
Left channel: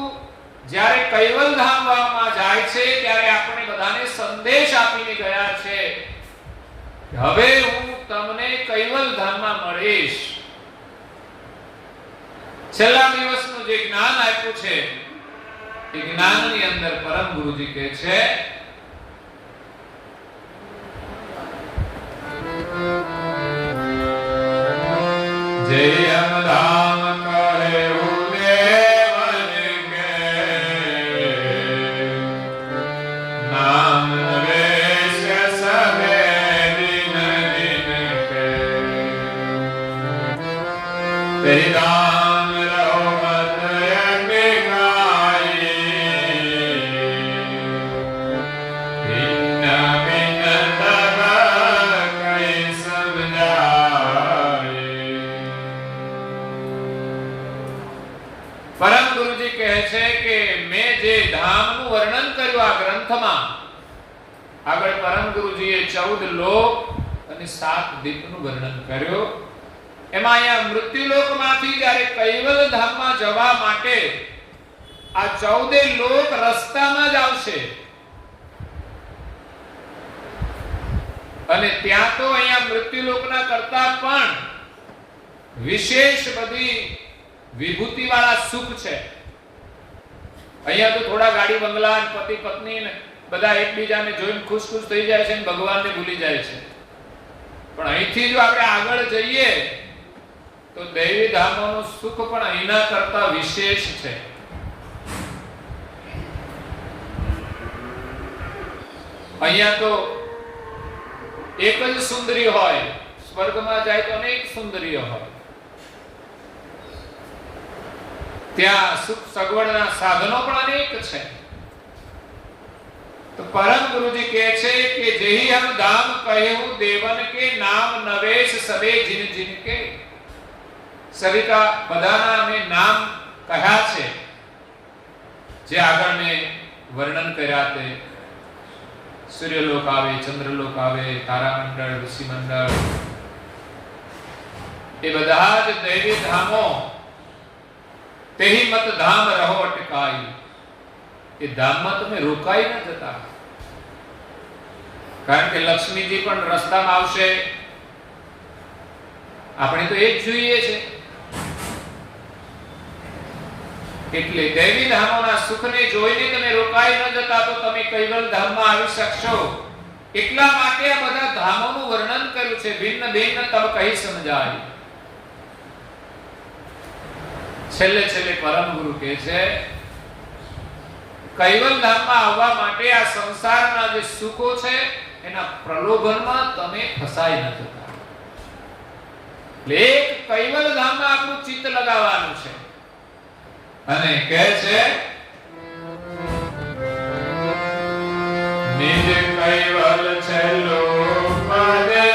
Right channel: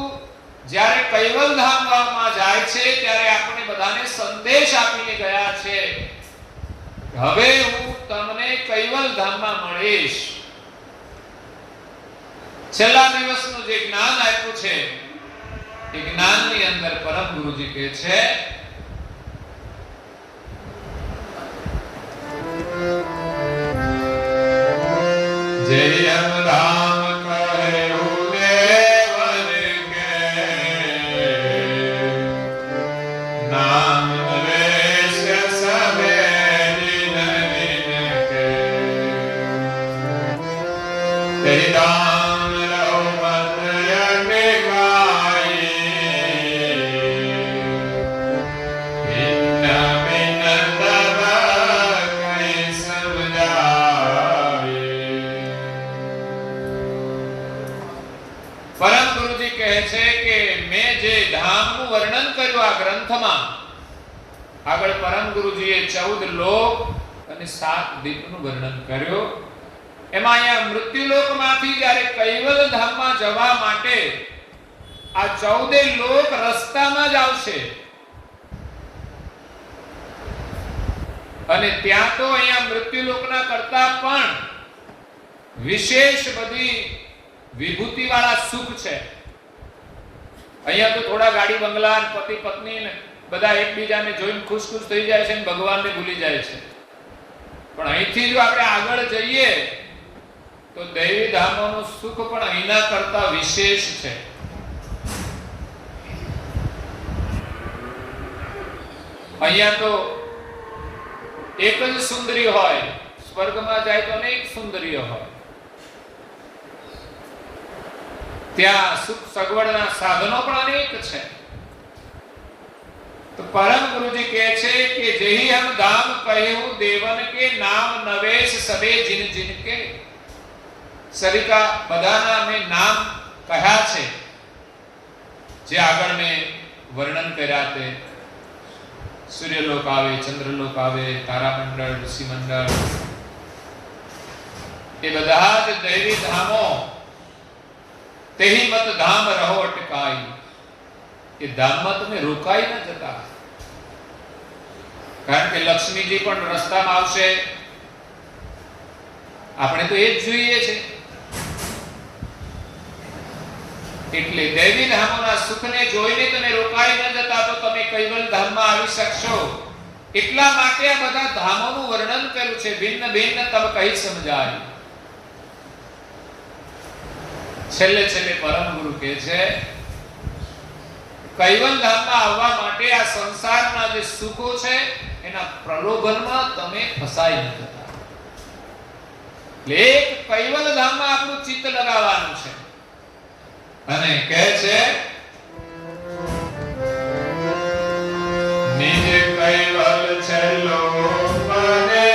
જ્યારે કૈવલ ધામમાં જાય છે ત્યારે આપણે બધાને સંદેશ આપીને ગયા છે, હવે હું તમને કૈવલ ધામમાં મળીશ. છેલ્લા દિવસનું જે જ્ઞાન આપ્યું છે એ જ્ઞાનની અંદર પરમ ગુરુજી કહે છે જય રામ કહે ઉદેવન કે નામ વેશ સભે દિન દિન કે તેરી દાન રહો મત અગે ગાઈ ભિન્ન ભિન્ન તબ કઈ સમજાવે કર્યું આ ગ્રંથમાં. આગળ પરમ ગુરુજીએ 14 લોક અને 7 દીપનું વર્ણન કર્યું. એમાં અહીંયા મૃત્યુલોકમાંથી જ્યારે કૈવલ ધામમાં જવા માટે આ 14 લોક રસ્તામાં જ આવશે. અને ત્યાં તો અહીંયા મૃત્યુલોકના કરતા પણ વિશેષ બધી વિભૂતિ વાળા સુખ છે. અહીંયા તો થોડા ગાડી બંગલા, પતિ પત્ની ને બધા એકબીજાને જોઈને ખુશ ખુશ થઈ જાય છે અને ભગવાનને ભૂલી જાય છે. પણ અહીંથી જો આપણે આગળ જઈએ તો દૈવી ધામોનું સુખ પણ અહીંના કરતા વિશેષ છે. અહીંયા તો એક જ સુંદરી હોય, સ્વર્ગમાં જાય તો અનેક સુંદરીઓ હોય. ત્યાં સુખ સગવડના સાધનો પણ અનેક છે. તો પરમ ગુરુજી કહે છે કે જેહી હમ ધામ કહ્યું દેવન કે નામ નવેશ સબે જીન જીન કે. સભી કા બધાના મેં નામ કહ્યા છે જે આગળ મેં વર્ણન કર્યા તે. સૂર્યલોક આવે, ચંદ્રલોક આવે, તારામંડળ, ઋષિ મંડળ, એ બધા જ દૈવી ધામો. તેહી મત ધામ રહો અટકાઈ. એ ધામમાં તમે રોકાઈ ન જતા. કારણ કે લક્ષ્મીજી પણ રસ્તામાં આવશે. આપણે તો એ જ જોઈએ છે. એટલે દૈવી ધામોના સુખને જોઈને તમે રોકાઈ ન જતા તો તમે કૈવલ ધામમાં આવી શકશો. એટલા માટે આ બધા ધામોનું વર્ણન કર્યું છે. ભિન્ન ભિન્ન તબ કહી સમજાય. છેલ્લે છેલ્લે પરમ ગુરુ કહે છે કૈવલ ધામમાં આવવા માટે આ સંસારના જે સુખો છે એના પ્રલોભનમાં તમે ફસાઈ ન જતા. એટલે એક કૈવલ ધામમાં આપણું ચિત્ત લગાવવાનું છે. અને કહે છે નિજ કૈવલ છેલ્લો પદે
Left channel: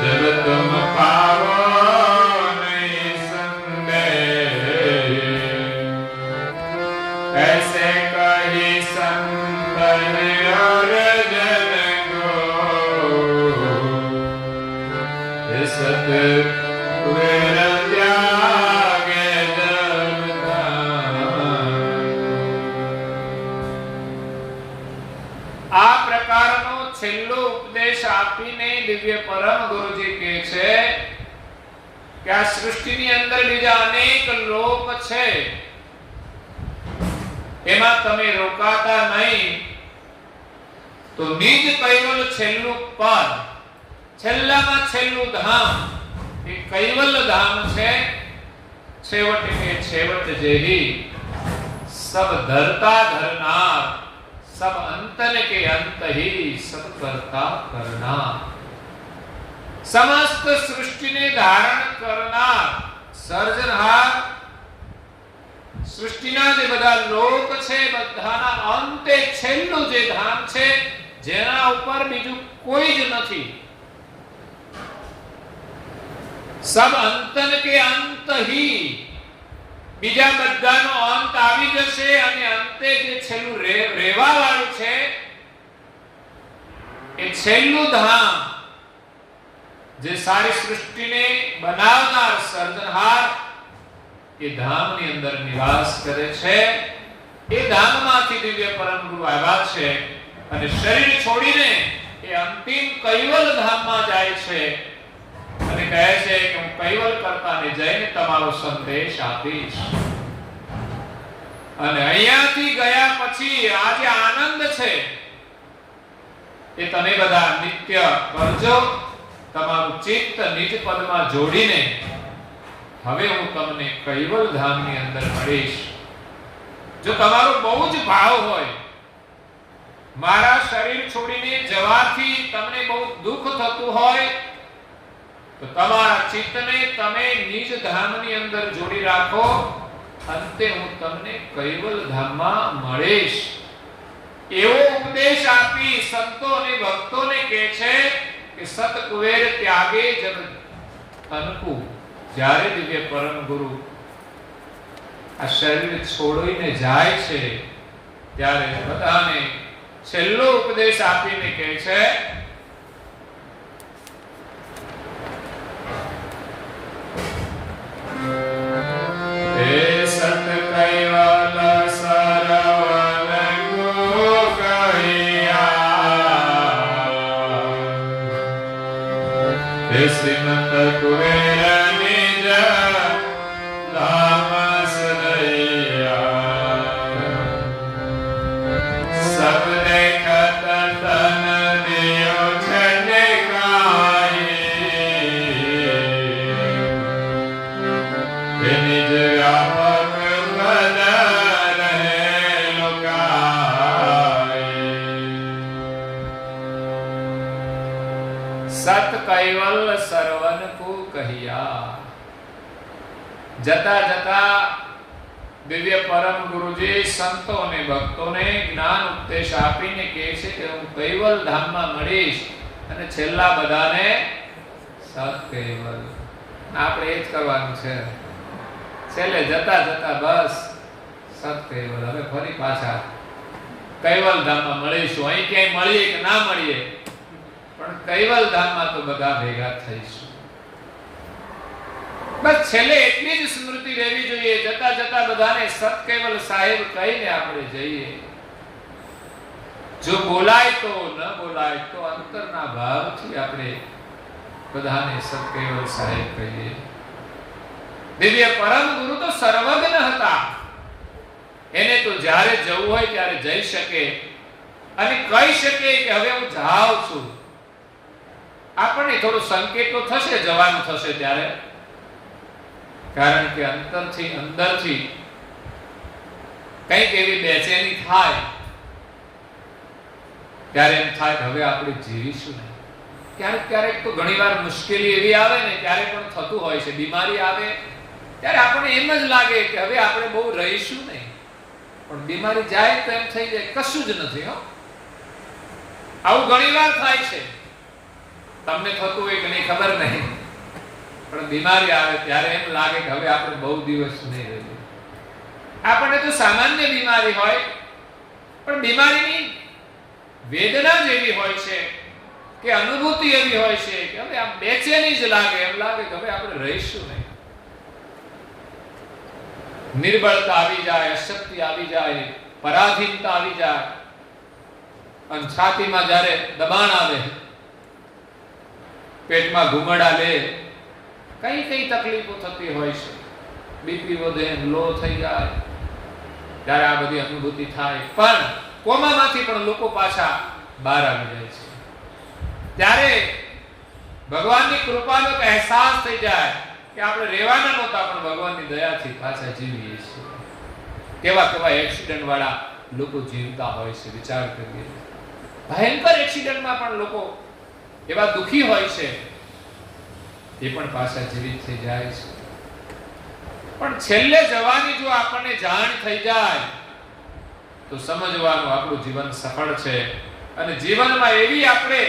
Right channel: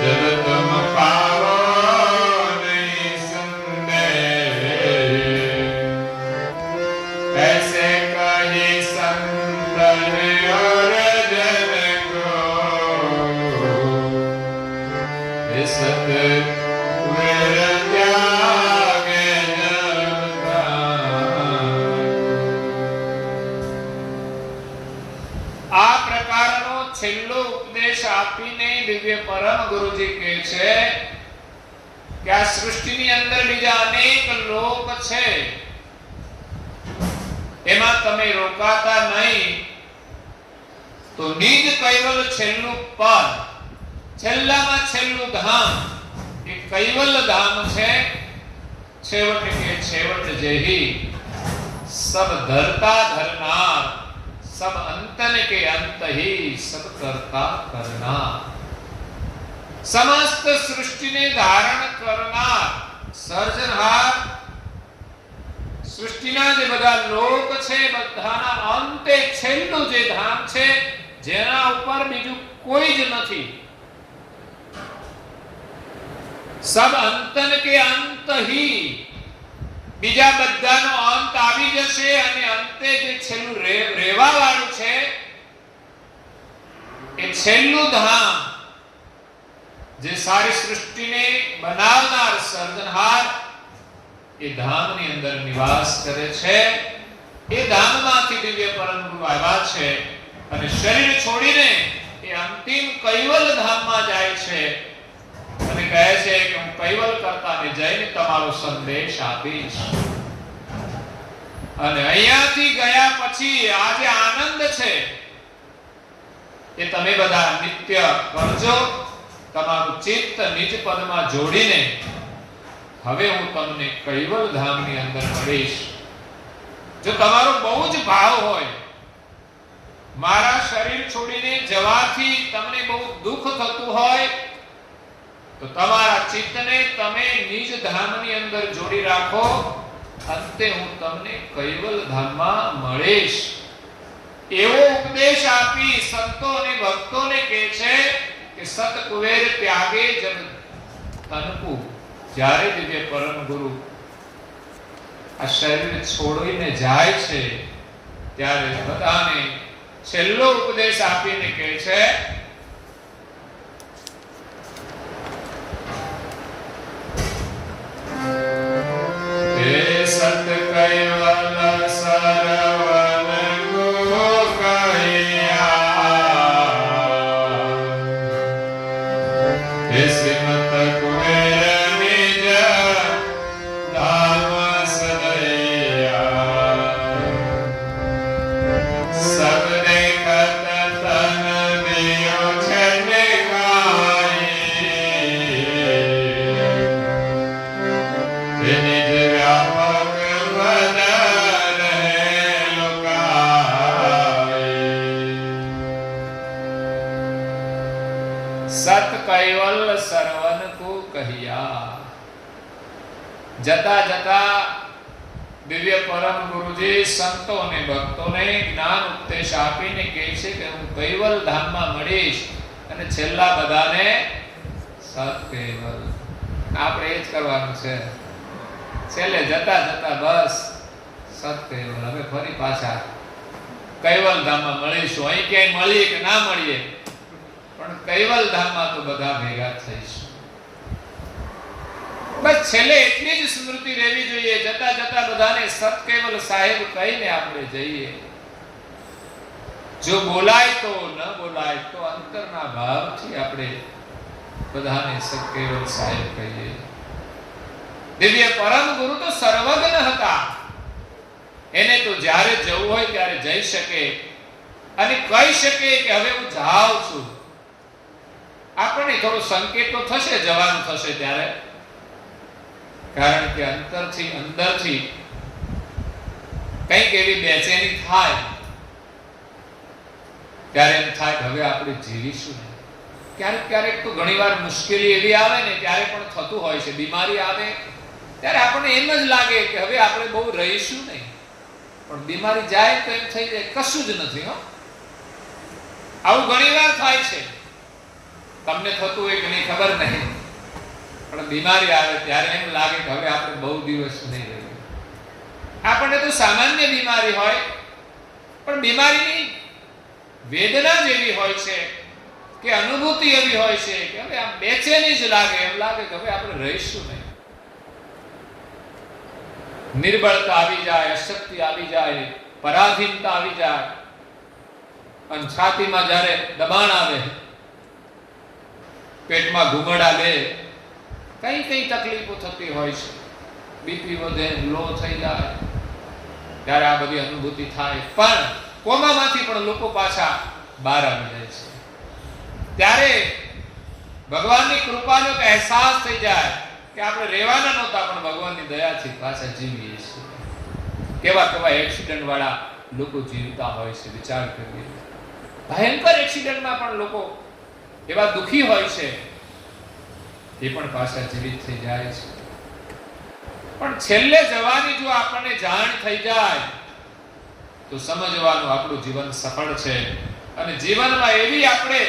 જબ તુમ પાવો નહીં સંદેહ ऐसे कही संतन और जन को सत આ પ્રકારનો છેલ્લો ઉપદેશ આપીને દિવ્ય પરમ ગુરુજી કહે છે કે આ સૃષ્ટિની અંદર બીજા અનેક લોક છે, એમાં તમે રોકાતા નહીં તો નિજ કૈવલ છેલ્લું પદ, છેલ્લામાં છેલ્લું ધામ એ કૈવલ ધામ છે. છેવટ કે છેવટ જેહી સબ ધરતા ધરનાર, सब अंतन के अंत ही सब करता करनार. समस्त सृष्टि ने धारण करनार, સર્જનહાર. સૃષ્ટિના જે બધા લોક છે બધાના અંતે છેલ્લું જે ધામ છે જેના ઉપર બીજું કોઈ જ નથી. સબ અંતન કે અંત ही, બીજા બધાનો અંત આવી જશે અને અંતે જે છેલ્લું રહેવા વાળું છે એ છેલ્લું ધામ જે સારી સૃષ્ટિને બનાવનાર સર્જનહાર એ ધામની અંદર નિવાસ કરે છે. એ ધામમાંથી દિવ્ય પરમ ગુરુ આવ્યા છે અને શરીર છોડીને એ અંતિમ કૈવલ ધામમાં જાય છે અને કહે છે કે હું કૈવલ કરતાને જઈને તમારો સંદેશ આપીશ. અને અહીંયાથી ગયા પછી આ જે આનંદ છે એ તમે બધા નિત્ય કરજો. તમારું ચિત્ત નિજ પદમાં જોડીને હવે હું તમને કૈવલ ધામની અંદર મળીશ. જો તમારો બહુ જ ભાવ હોય, મારા શરીર છોડીને જવાથી તમને બહુ દુઃખ થતું હોય તો તમારા ચિત્તને તમે નિજ ધામની અંદર જોડી રાખો. અંતે હું તમને કૈવલ ધામમાં મળીશ. એવો ઉપદેશ આપી સંતો અને ભક્તોને કહે છે કે સત કુવેર ત્યાગે જબ તનકુ. જ્યારે દિવ્ય પરમ ગુરુ આ શરીર છોડીને જાય છે ત્યારે બધાને છેલ્લો ઉપદેશ આપીને કહે છે, સત કૈવલ સરવન ગુરુ કહ્યા, શ્રીમત કુબેર નિજ ધામ સદૈયા, સબ દેખત તન દિયો છને ગાઈ, નિજ વ્યાપક બદન હે લોકાઈ. સત કૈવલ સરવન કો કહ્યા. જતા જતા દિવ્ય પરમ ગુરુજી સંતો અને ભક્તોને જ્ઞાન ઉપદેશ આપીને કહે છે કે હું કૈવલ ધામમાં મળીશ અને છેલ્લા બધાને સત કૈવલ. આપણે એ જ કરવાનું છે. છેલ્લે જતા જતા બસ સત કૈવલ. હવે ફરી પાછા કૈવલ ધામમાં મળીશું. અહીં ક્યાંય મળીએ કે ના મળીએ, પણ કૈવલ ધામમાં તો બધા ભેગા થઈશું. બસ છેલ્લે એટલી જ સ્મૃતિ રહેવી જોઈએ, જતા જતા બધાને સત કૈવલ સાહેબ કહીને આપણે જઈએ. જો બોલાય તો ન બોલાય તો અંતરના ભાવથી આપણે બધાને સત કૈવલ સાહેબ કહીએ. દિવ્ય પરમ ગુરુ તો સર્વજ્ઞ હતા. એને તો જ્યારે જવું હોય ત્યારે જઈ શકે અને કહી શકે કે હવે હું જાઉં છું. આપણને થોડો સંકેત તો થશે જવાનું થશે ત્યારે, કારણ કે અંતરથી અંદરથી કંઈક એવી બેચેની થાય ત્યારે એમ થાય કે હવે આપણે જીવીશું નહીં. ક્યારેક ક્યારેક તો ઘણીવાર મુશ્કેલી એવી આવે ને ત્યારે પણ થતું હોય છે. બીમારી આવે ત્યારે આપણને એમ જ લાગે કે હવે આપણે બહુ રહીશું નહીં, પણ બીમારી જાય તો એમ થઈ જાય કશું જ નથી. આવું ઘણીવાર થાય છે. તમને થતું હોય કે નહીં ખબર નહીં, પણ બીમારી આવે ત્યારે એમ લાગે કે હવે આપણે બહુ દિવસ નહીં રહીએ. આપણને તો સામાન્ય બીમારી હોય, પણ બીમારીની વેદના જ એવી હોય છે કે અનુભૂતિ એવી હોય છે કે હવે આમ બેચેની જ લાગે, એમ લાગે કે હવે આપણે રહીશું નહીં. નિર્બળતા આવી જાય, અશક્તિ આવી જાય, પરાધીનતા આવી જાય, અને છાતીમાં જ્યારે દબાણ આવે, પેટમાં ઘુમડા લે, કઈ કઈ તકલીફો થતી હોય છે. બીપી વધે, લો થઈ જાય, ત્યારે આ બધી અનુભૂતિ થાય. પણ કોમામાંથી પણ લોકો પાછા બહાર આવી જાય છે. ત્યારે ભગવાનની કૃપાનો અહેસાસ થઈ જાય કે આપણે રહેવાના નહોતા, પણ ભગવાનની દયાથી પાછા જીવીએ છીએ. કેવા કેવા એક્સિડન્ટ વાળા લોકો જીવતા હોય છે, વિચાર કરીએ. ભયંકર એક્સિડન્ટમાં પણ લોકો એવા દુખી હોય છે, એ પણ પાછા જીવિત થઈ જાય છે. પણ છેલ્લે જવાની જો આપણને જાણ થઈ જાય તો સમજવાનું આપણું જીવન સફળ છે. અને જીવનમાં એવી આપણે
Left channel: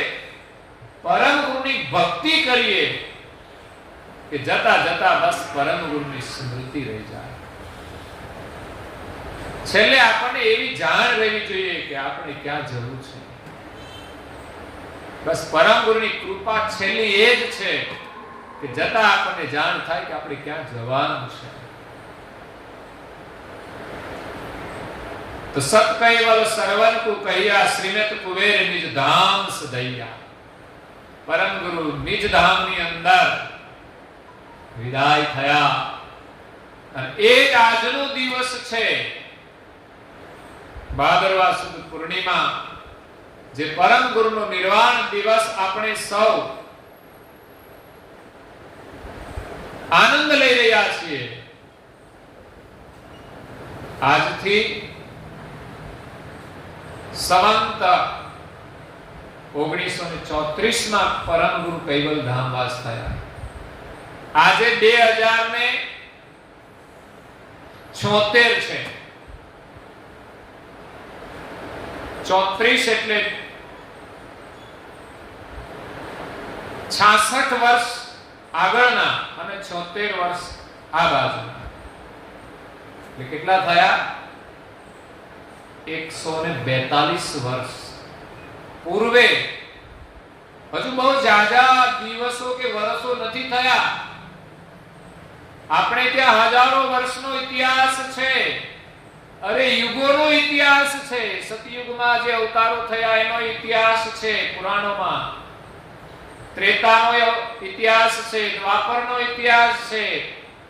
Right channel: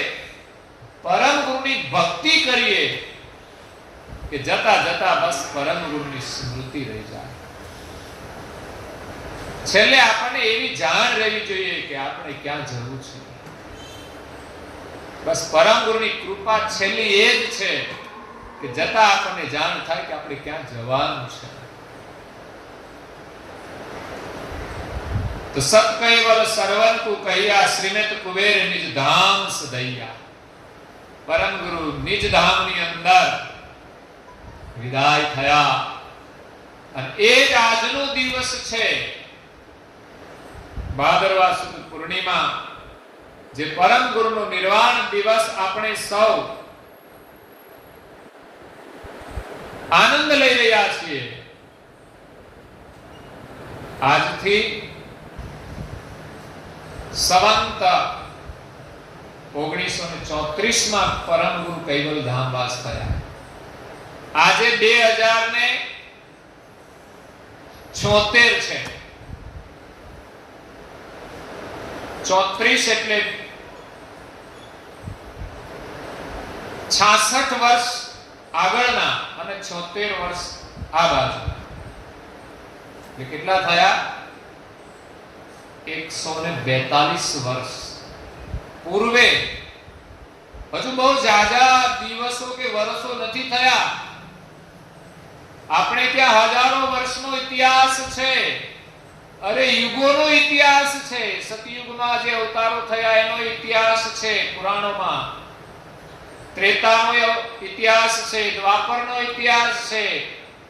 પરમ ગુરુની ભક્તિ કરીએ કે જતા જતા બસ પરમ ગુરુની સ્મૃતિ રહી જાય. છેલ્લે આપણને એવી જાણ રહેવી જોઈએ કે આપણે ક્યાં જવું છે. બસ પરમ ગુરુની કૃપા છેલ્લી એ જ છે કે જતા આપણને જાણ થાય કે આપણે ક્યાં જવાનું છે. તો સત કૈવલ સરવન કો કહ્યા, શ્રીમત કુબેર નિજ ધામ સદૈયા. પરમ ગુરુ નિજ ધામની અંદર વિદાય થયા. અને એ જ આજનો દિવસ છે, ભાદરવા સુદ પૂર્ણિમા, જે પરમ ગુરુનો નિર્વાણ દિવસ આપણે સૌ આનંદ લઈ રહ્યા છીએ. આજથી સંવંત 1934 પરમ ગુરુ કૈવલ ધામવાસ થયા. આજે 2076 છે. 34 એટલે 66 વર્ષ આગળના અને 76 વર્ષ આ બાજુના. એટલે કેટલા થયા? 142 વર્ષ પૂર્વે. હજુ બહુ જાજા દિવસો કે વર્ષો નથી થયા. આપણે ત્યાં હજારો વર્ષનો ઇતિહાસ છે. અરે યુગોનો ઇતિહાસ છે. સતયુગમાં જે અવતારો થયા એનો ઇતિહાસ છે પુરાણોમાં. ત્રેતાનો ઇતિહાસ છે, દ્વાપરનો ઇતિહાસ છે.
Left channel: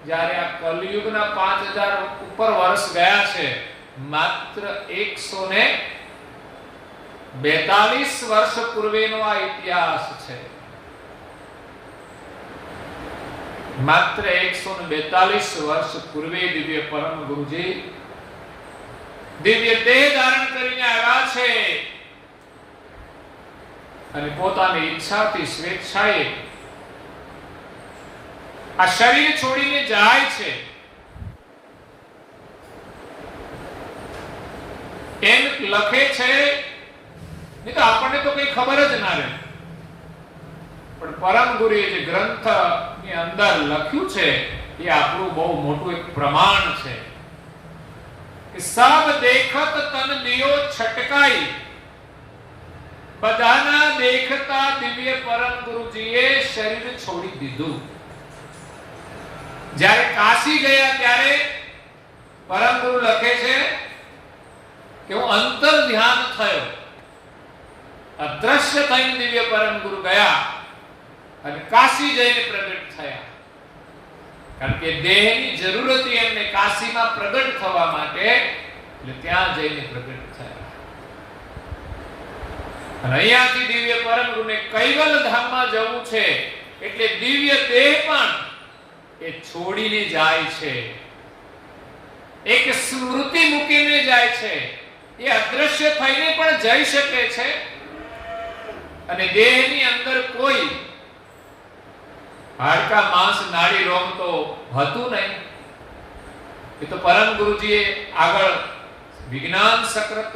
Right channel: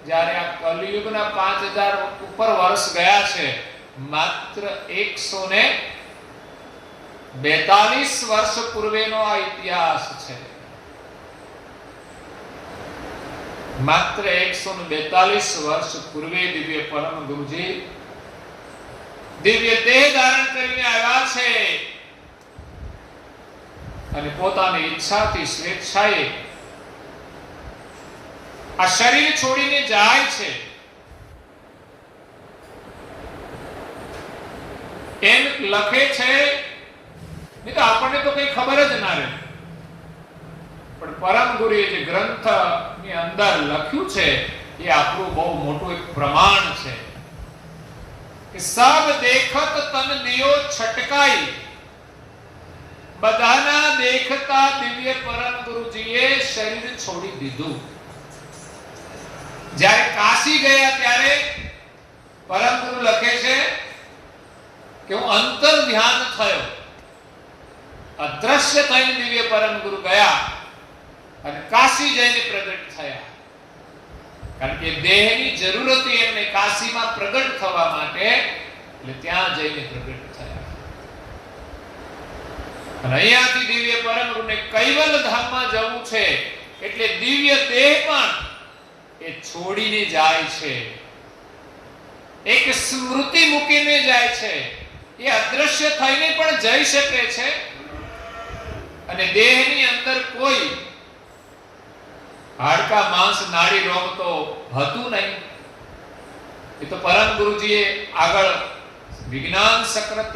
જ્યારે આ કલિયુગના 5000 ઉપર વર્ષ ગયા છે. માત્ર 142 વર્ષ પૂર્વેનો આ ઇતિહાસ છે. માત્ર 142 વર્ષ પૂર્વે દિવ્ય પરમ ગુરુજી દિવ્ય દેહ ધારણ કરીને આવ્યા છે અને પોતાની ઈચ્છાથી સ્વેચ્છાએ આ શરીર છોડીને જાય છે. એમ લખે છે, નહીં તો આપણને તો કઈ ખબર જ ના રહે. પણ પરમ ગુરુએ જે ગ્રંથ ની અંદર લખ્યું છે એ આપણું બહુ મોટું એક પ્રમાણ છે કે સબ દેખત તન દિયો છટકાઈ. બધાના દેખતા દિવ્ય પરમ ગુરુજીએ શરીર છોડી દીધું. જ્યારે કાશી ગયા ત્યારે પરમ ગુરુ લખે છે કે હું અંતર ધ્યાન થયો. અદ્રશ્ય થઈને દિવ્ય પરમ ગુરુ ગયા અને કાશી જઈને પ્રગટ થયા. કારણ કે દેહની જરૂર હતી એમને કાશીમાં પ્રગટ થવા માટે, એટલે ત્યાં જઈને પ્રગટ થયા. અને અહીંયાથી દિવ્ય પરમ ગુરુને કૈવલ ધામમાં જવું છે એટલે દિવ્ય દેહ પણ એ છોડીને જાય છે. એક સ્મૃતિ મૂકીને જાય છે. એ અદ્રશ્ય થઈને પણ જઈ શકે છે અને દેહની અંદર કોઈ હાડકા માંસ નાડી રોગ તો હતું નહીં. એ તો પરમ ગુરુજીએ આગળ વિજ્ઞાન સક્રત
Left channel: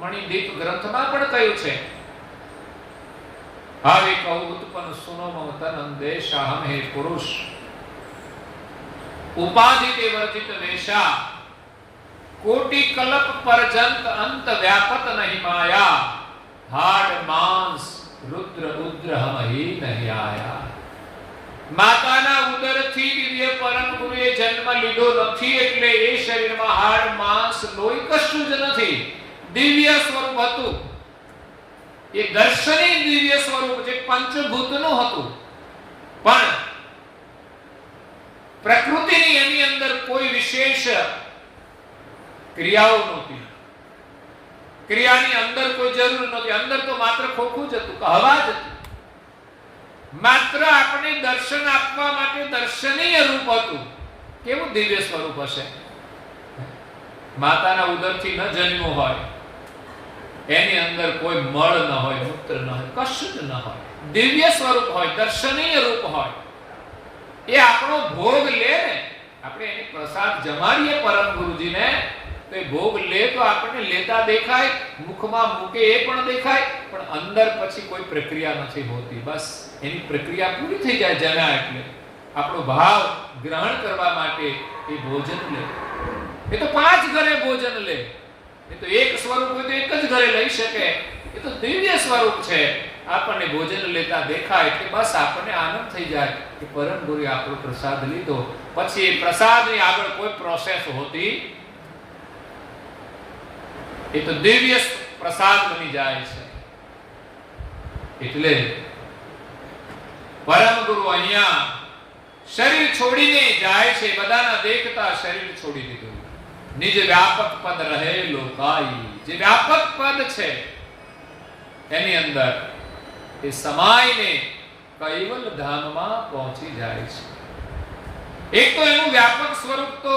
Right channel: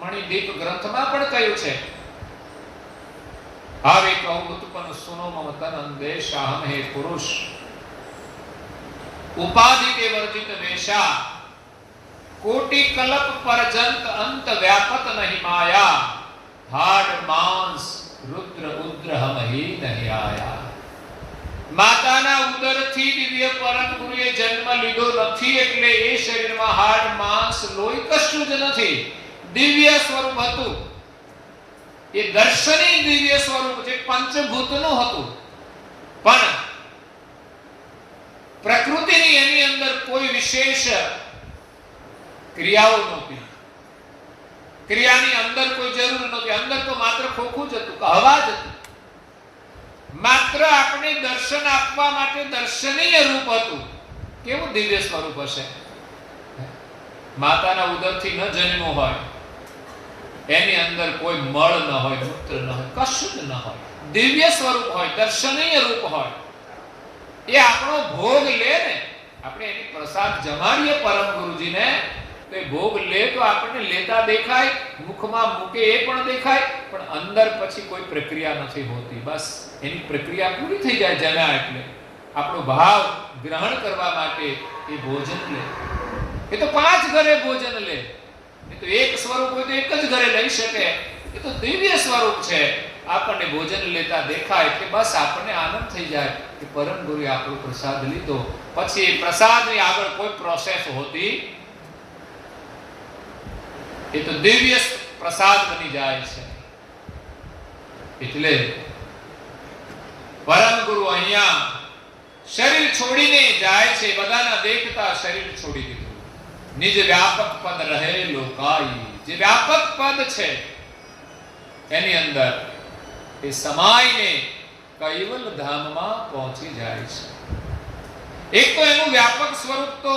મણિદીપ ગ્રંથમાં પણ કહ્યું છે. હવે કહું ઉત્પન્ન સુનો મમ તન અંદેશાહમ હે પુરુષ ઉપાધિ કે વર્જિત વેશા કોટી કલ્પ પરજંત અંત વ્યાપત નહીં માયા હાડ માંસ રુદ્ર ઉદ્ર હમ હી નહીં આયા. માતાના ઉદરથી દિવ્ય પરમ ગુરુએ જન્મ લીધો નથી એટલે એ શરીરમાં હાડ માંસ લોહી કશું જ નથી. દિવ્ય સ્વરૂપ હતું. એ દર્શની દિવ્ય સ્વરૂપ જે પંચભૂતનું હતું. પણ પ્રકૃતિની એની અંદર કોઈ વિશેષ ક્રિયાઓ નહોતી. ક્રિયાની અંદર કોઈ જરૂર નહોતી. અંદર તો માત્ર ખોખું જ હતું, હવા જ હતી. માત્ર આપણે દર્શન આપવા માટે દર્શનીય રૂપ હતું. કેવું દિવ્ય સ્વરૂપ હશે! માતાના ઉદરથી ન જન્મો હોય, એની અંદર કોઈ મળ ન હોય, મૂત્ર ન હોય, કશું જ ન હોય. દિવ્ય સ્વરૂપ હોય, દર્શનીય રૂપ હોય. એ આપણો ભોગ લે ને, આપણે એની પ્રસાદ જમાડીએ પરમ ગુરુજીને, તો એ ભોગ લે તો આપણને લેતા દેખાય, મુખમાં મૂકે એ પણ દેખાય, પણ અંદર પછી કોઈ પ્રક્રિયા નથી હોતી. બસ એની પ્રક્રિયા પૂરી થઈ જાય જમ્યા એટલે. આપણો ભાવ ગ્રહણ કરવા માટે એ ભોજન લે. એ તો 5 ઘરે ભોજન લે. એ તો એક સ્વરૂપ હોય તો એક જ ઘરે લઈ શકે. એ તો દિવ્ય સ્વરૂપ છે. આપણને ભોજન લેતા દેખાય એટલે બસ આપણને આનંદ થઈ જાય કે પરમ ગુરુએ આપણો પ્રસાદ લીધો. પછી એ પ્રસાદની આગળ કોઈ પ્રોસેસ હોતી, એ તો દિવ્ય પ્રસાદ બની જાય છે. એટલે પરમ ગુરુ અહીંયા શરીર છોડીને જાય છે. બધાના દેખતા શરીર છોડી દીધું. નિજ વ્યાપક પદ રહે લોકાઈ. જે વ્યાપક પદ છે એની અંદર એ સમાઈને કૈવલ ધામમાં પહોંચી જાય છે. એક તો એનું વ્યાપક સ્વરૂપ તો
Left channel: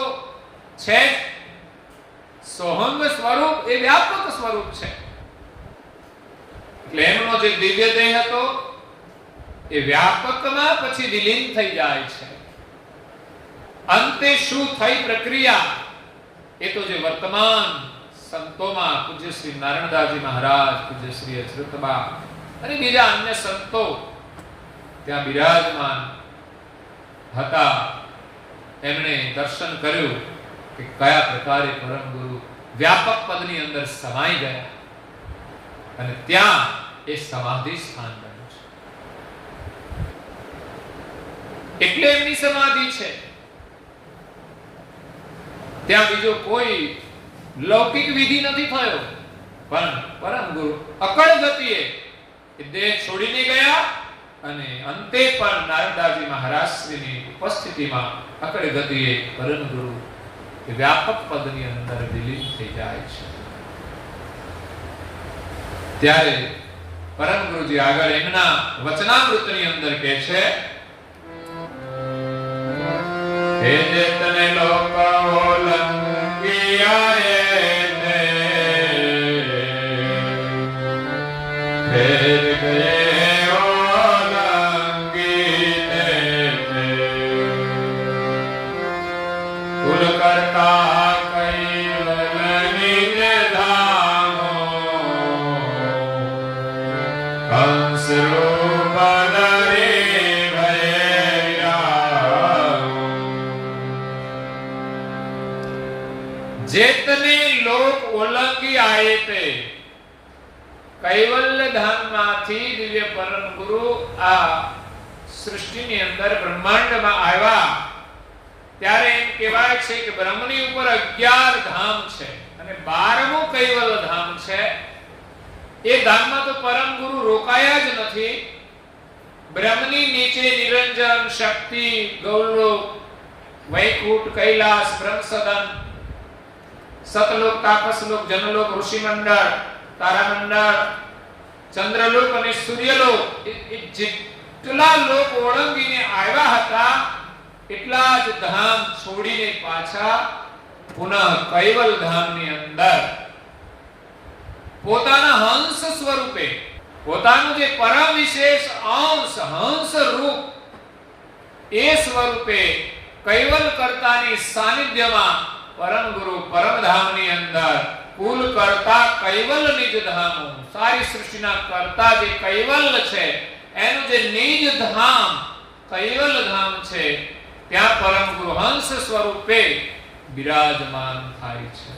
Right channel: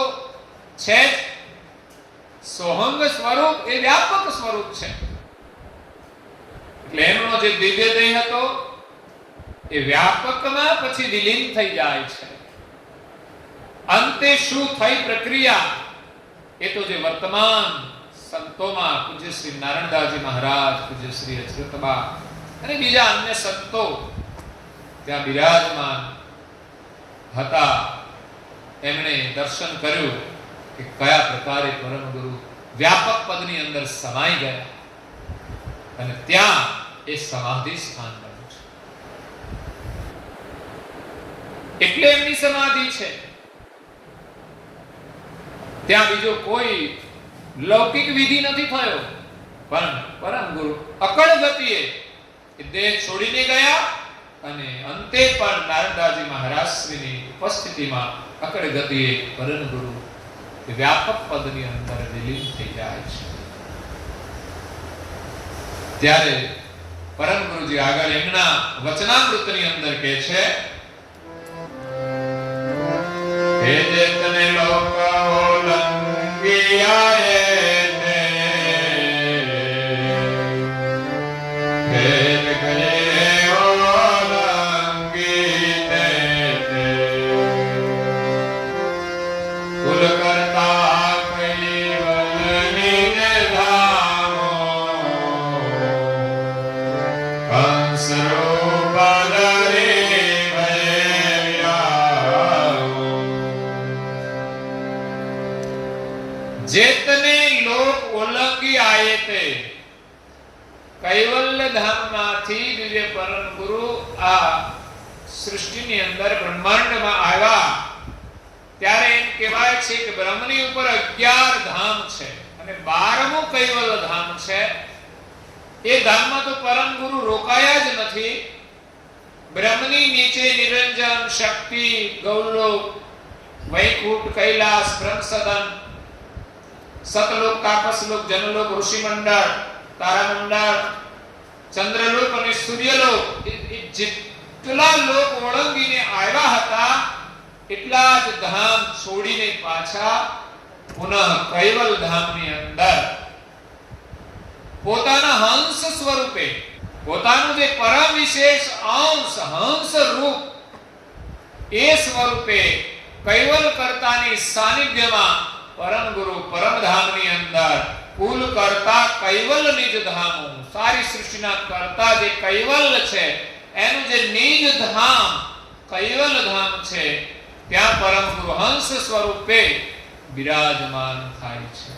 છે જ. સોહંગ સ્વરૂપ એ વ્યાપક સ્વરૂપ છે. એટલે એમનો જે દિવ્ય દેહ હતો એ વ્યાપકમાં પછી વિલીન થઈ જાય છે. અંતે શું થઈ પ્રક્રિયા એ તો જે વર્તમાન સંતોમાં પૂજ્ય શ્રી નારાયણદાસજી મહારાજ, પૂજ્ય શ્રી અચૃતબા અને બીજા અન્ય સંતો ત્યાં બિરાજમાન હતા. એમણે દર્શન કર્યું કે કયા પ્રકારે પરમ ગુરુ વ્યાપક પદની અંદર સમાઈ ગયા અને ત્યાં એ સમાધિ સ્થાન બન્યું છે. એટલે એમની સમાધિ છે. ત્યાં બીજો કોઈ લૌકિક વિધિ નથી થયો, પણ પરમ ગુરુ અકળ ગતિએ દેહ છોડીને ગયા અને અંતે પણ નારદાજી મહારાજશ્રીની ઉપસ્થિતિમાં અકળ ગતિએ પરમ ગુરુ વ્યાપક પદની અંદર વિલીન થઈ જાય છે. ત્યારે પરમ ગુરુજી આગળ એમના વચનામૃતની અંદર કહે છે, હે જેતને લોક ઓલંગિયાએ ને ફેર ગયે ઓલંગીને કુલ કરતા કૈવલ નિજ ધામો કંસ રૂપ ધરી ભયા. જેતને લોક ઓલંગી આયે તે કૈવલ્ય ધામમાંથી દિવ્ય પરમ ગુરુ આ સૃષ્ટિની અંદર બ્રહ્માંડમાં આવ્યા ત્યારે એમ કહેવાય છે કે બ્રહ્મની ઉપર 11 ધામ છે અને 12મું કૈવલ્ય ધામ છે. એ ધામમાં તો પરમ ગુરુ રોકાયા જ નથી. બ્રહ્મની નીચે નિરંજન, શક્તિ, ગૌલોક, વૈકુંઠ, કૈલાસ, બ્રહ્મસદન, સતલોક, તાપસલોક, જનલોક, ઋષિમંડળ, તારામંડળ, ચંદ્રલોક અને સૂર્યલોક, એ જેટલા લોક ઓળંગીને આવ્યા હતા એટલા જ ધામ છોડીને પાછા પુનઃ કૈવલ ધામની અંદર પોતાના હંસ સ્વરૂપે, પોતાનું જે પરમ વિશેષ અંશ હંસ રૂપ, એ સ્વરૂપે કૈવલ કર્તાની સાનિધ્યમાં પરમ ગુરુ પરમધામની અંદર કુલ કરતા કૈવલ નિજ ધામો, સારી સૃષ્ટિના કરતા જે કૈવલ છે એનું જે નિજ ધામ કૈવલ ધામ છે ત્યાં પરમ ગુરુ હંસ સ્વરૂપે બિરાજમાન થાય છે.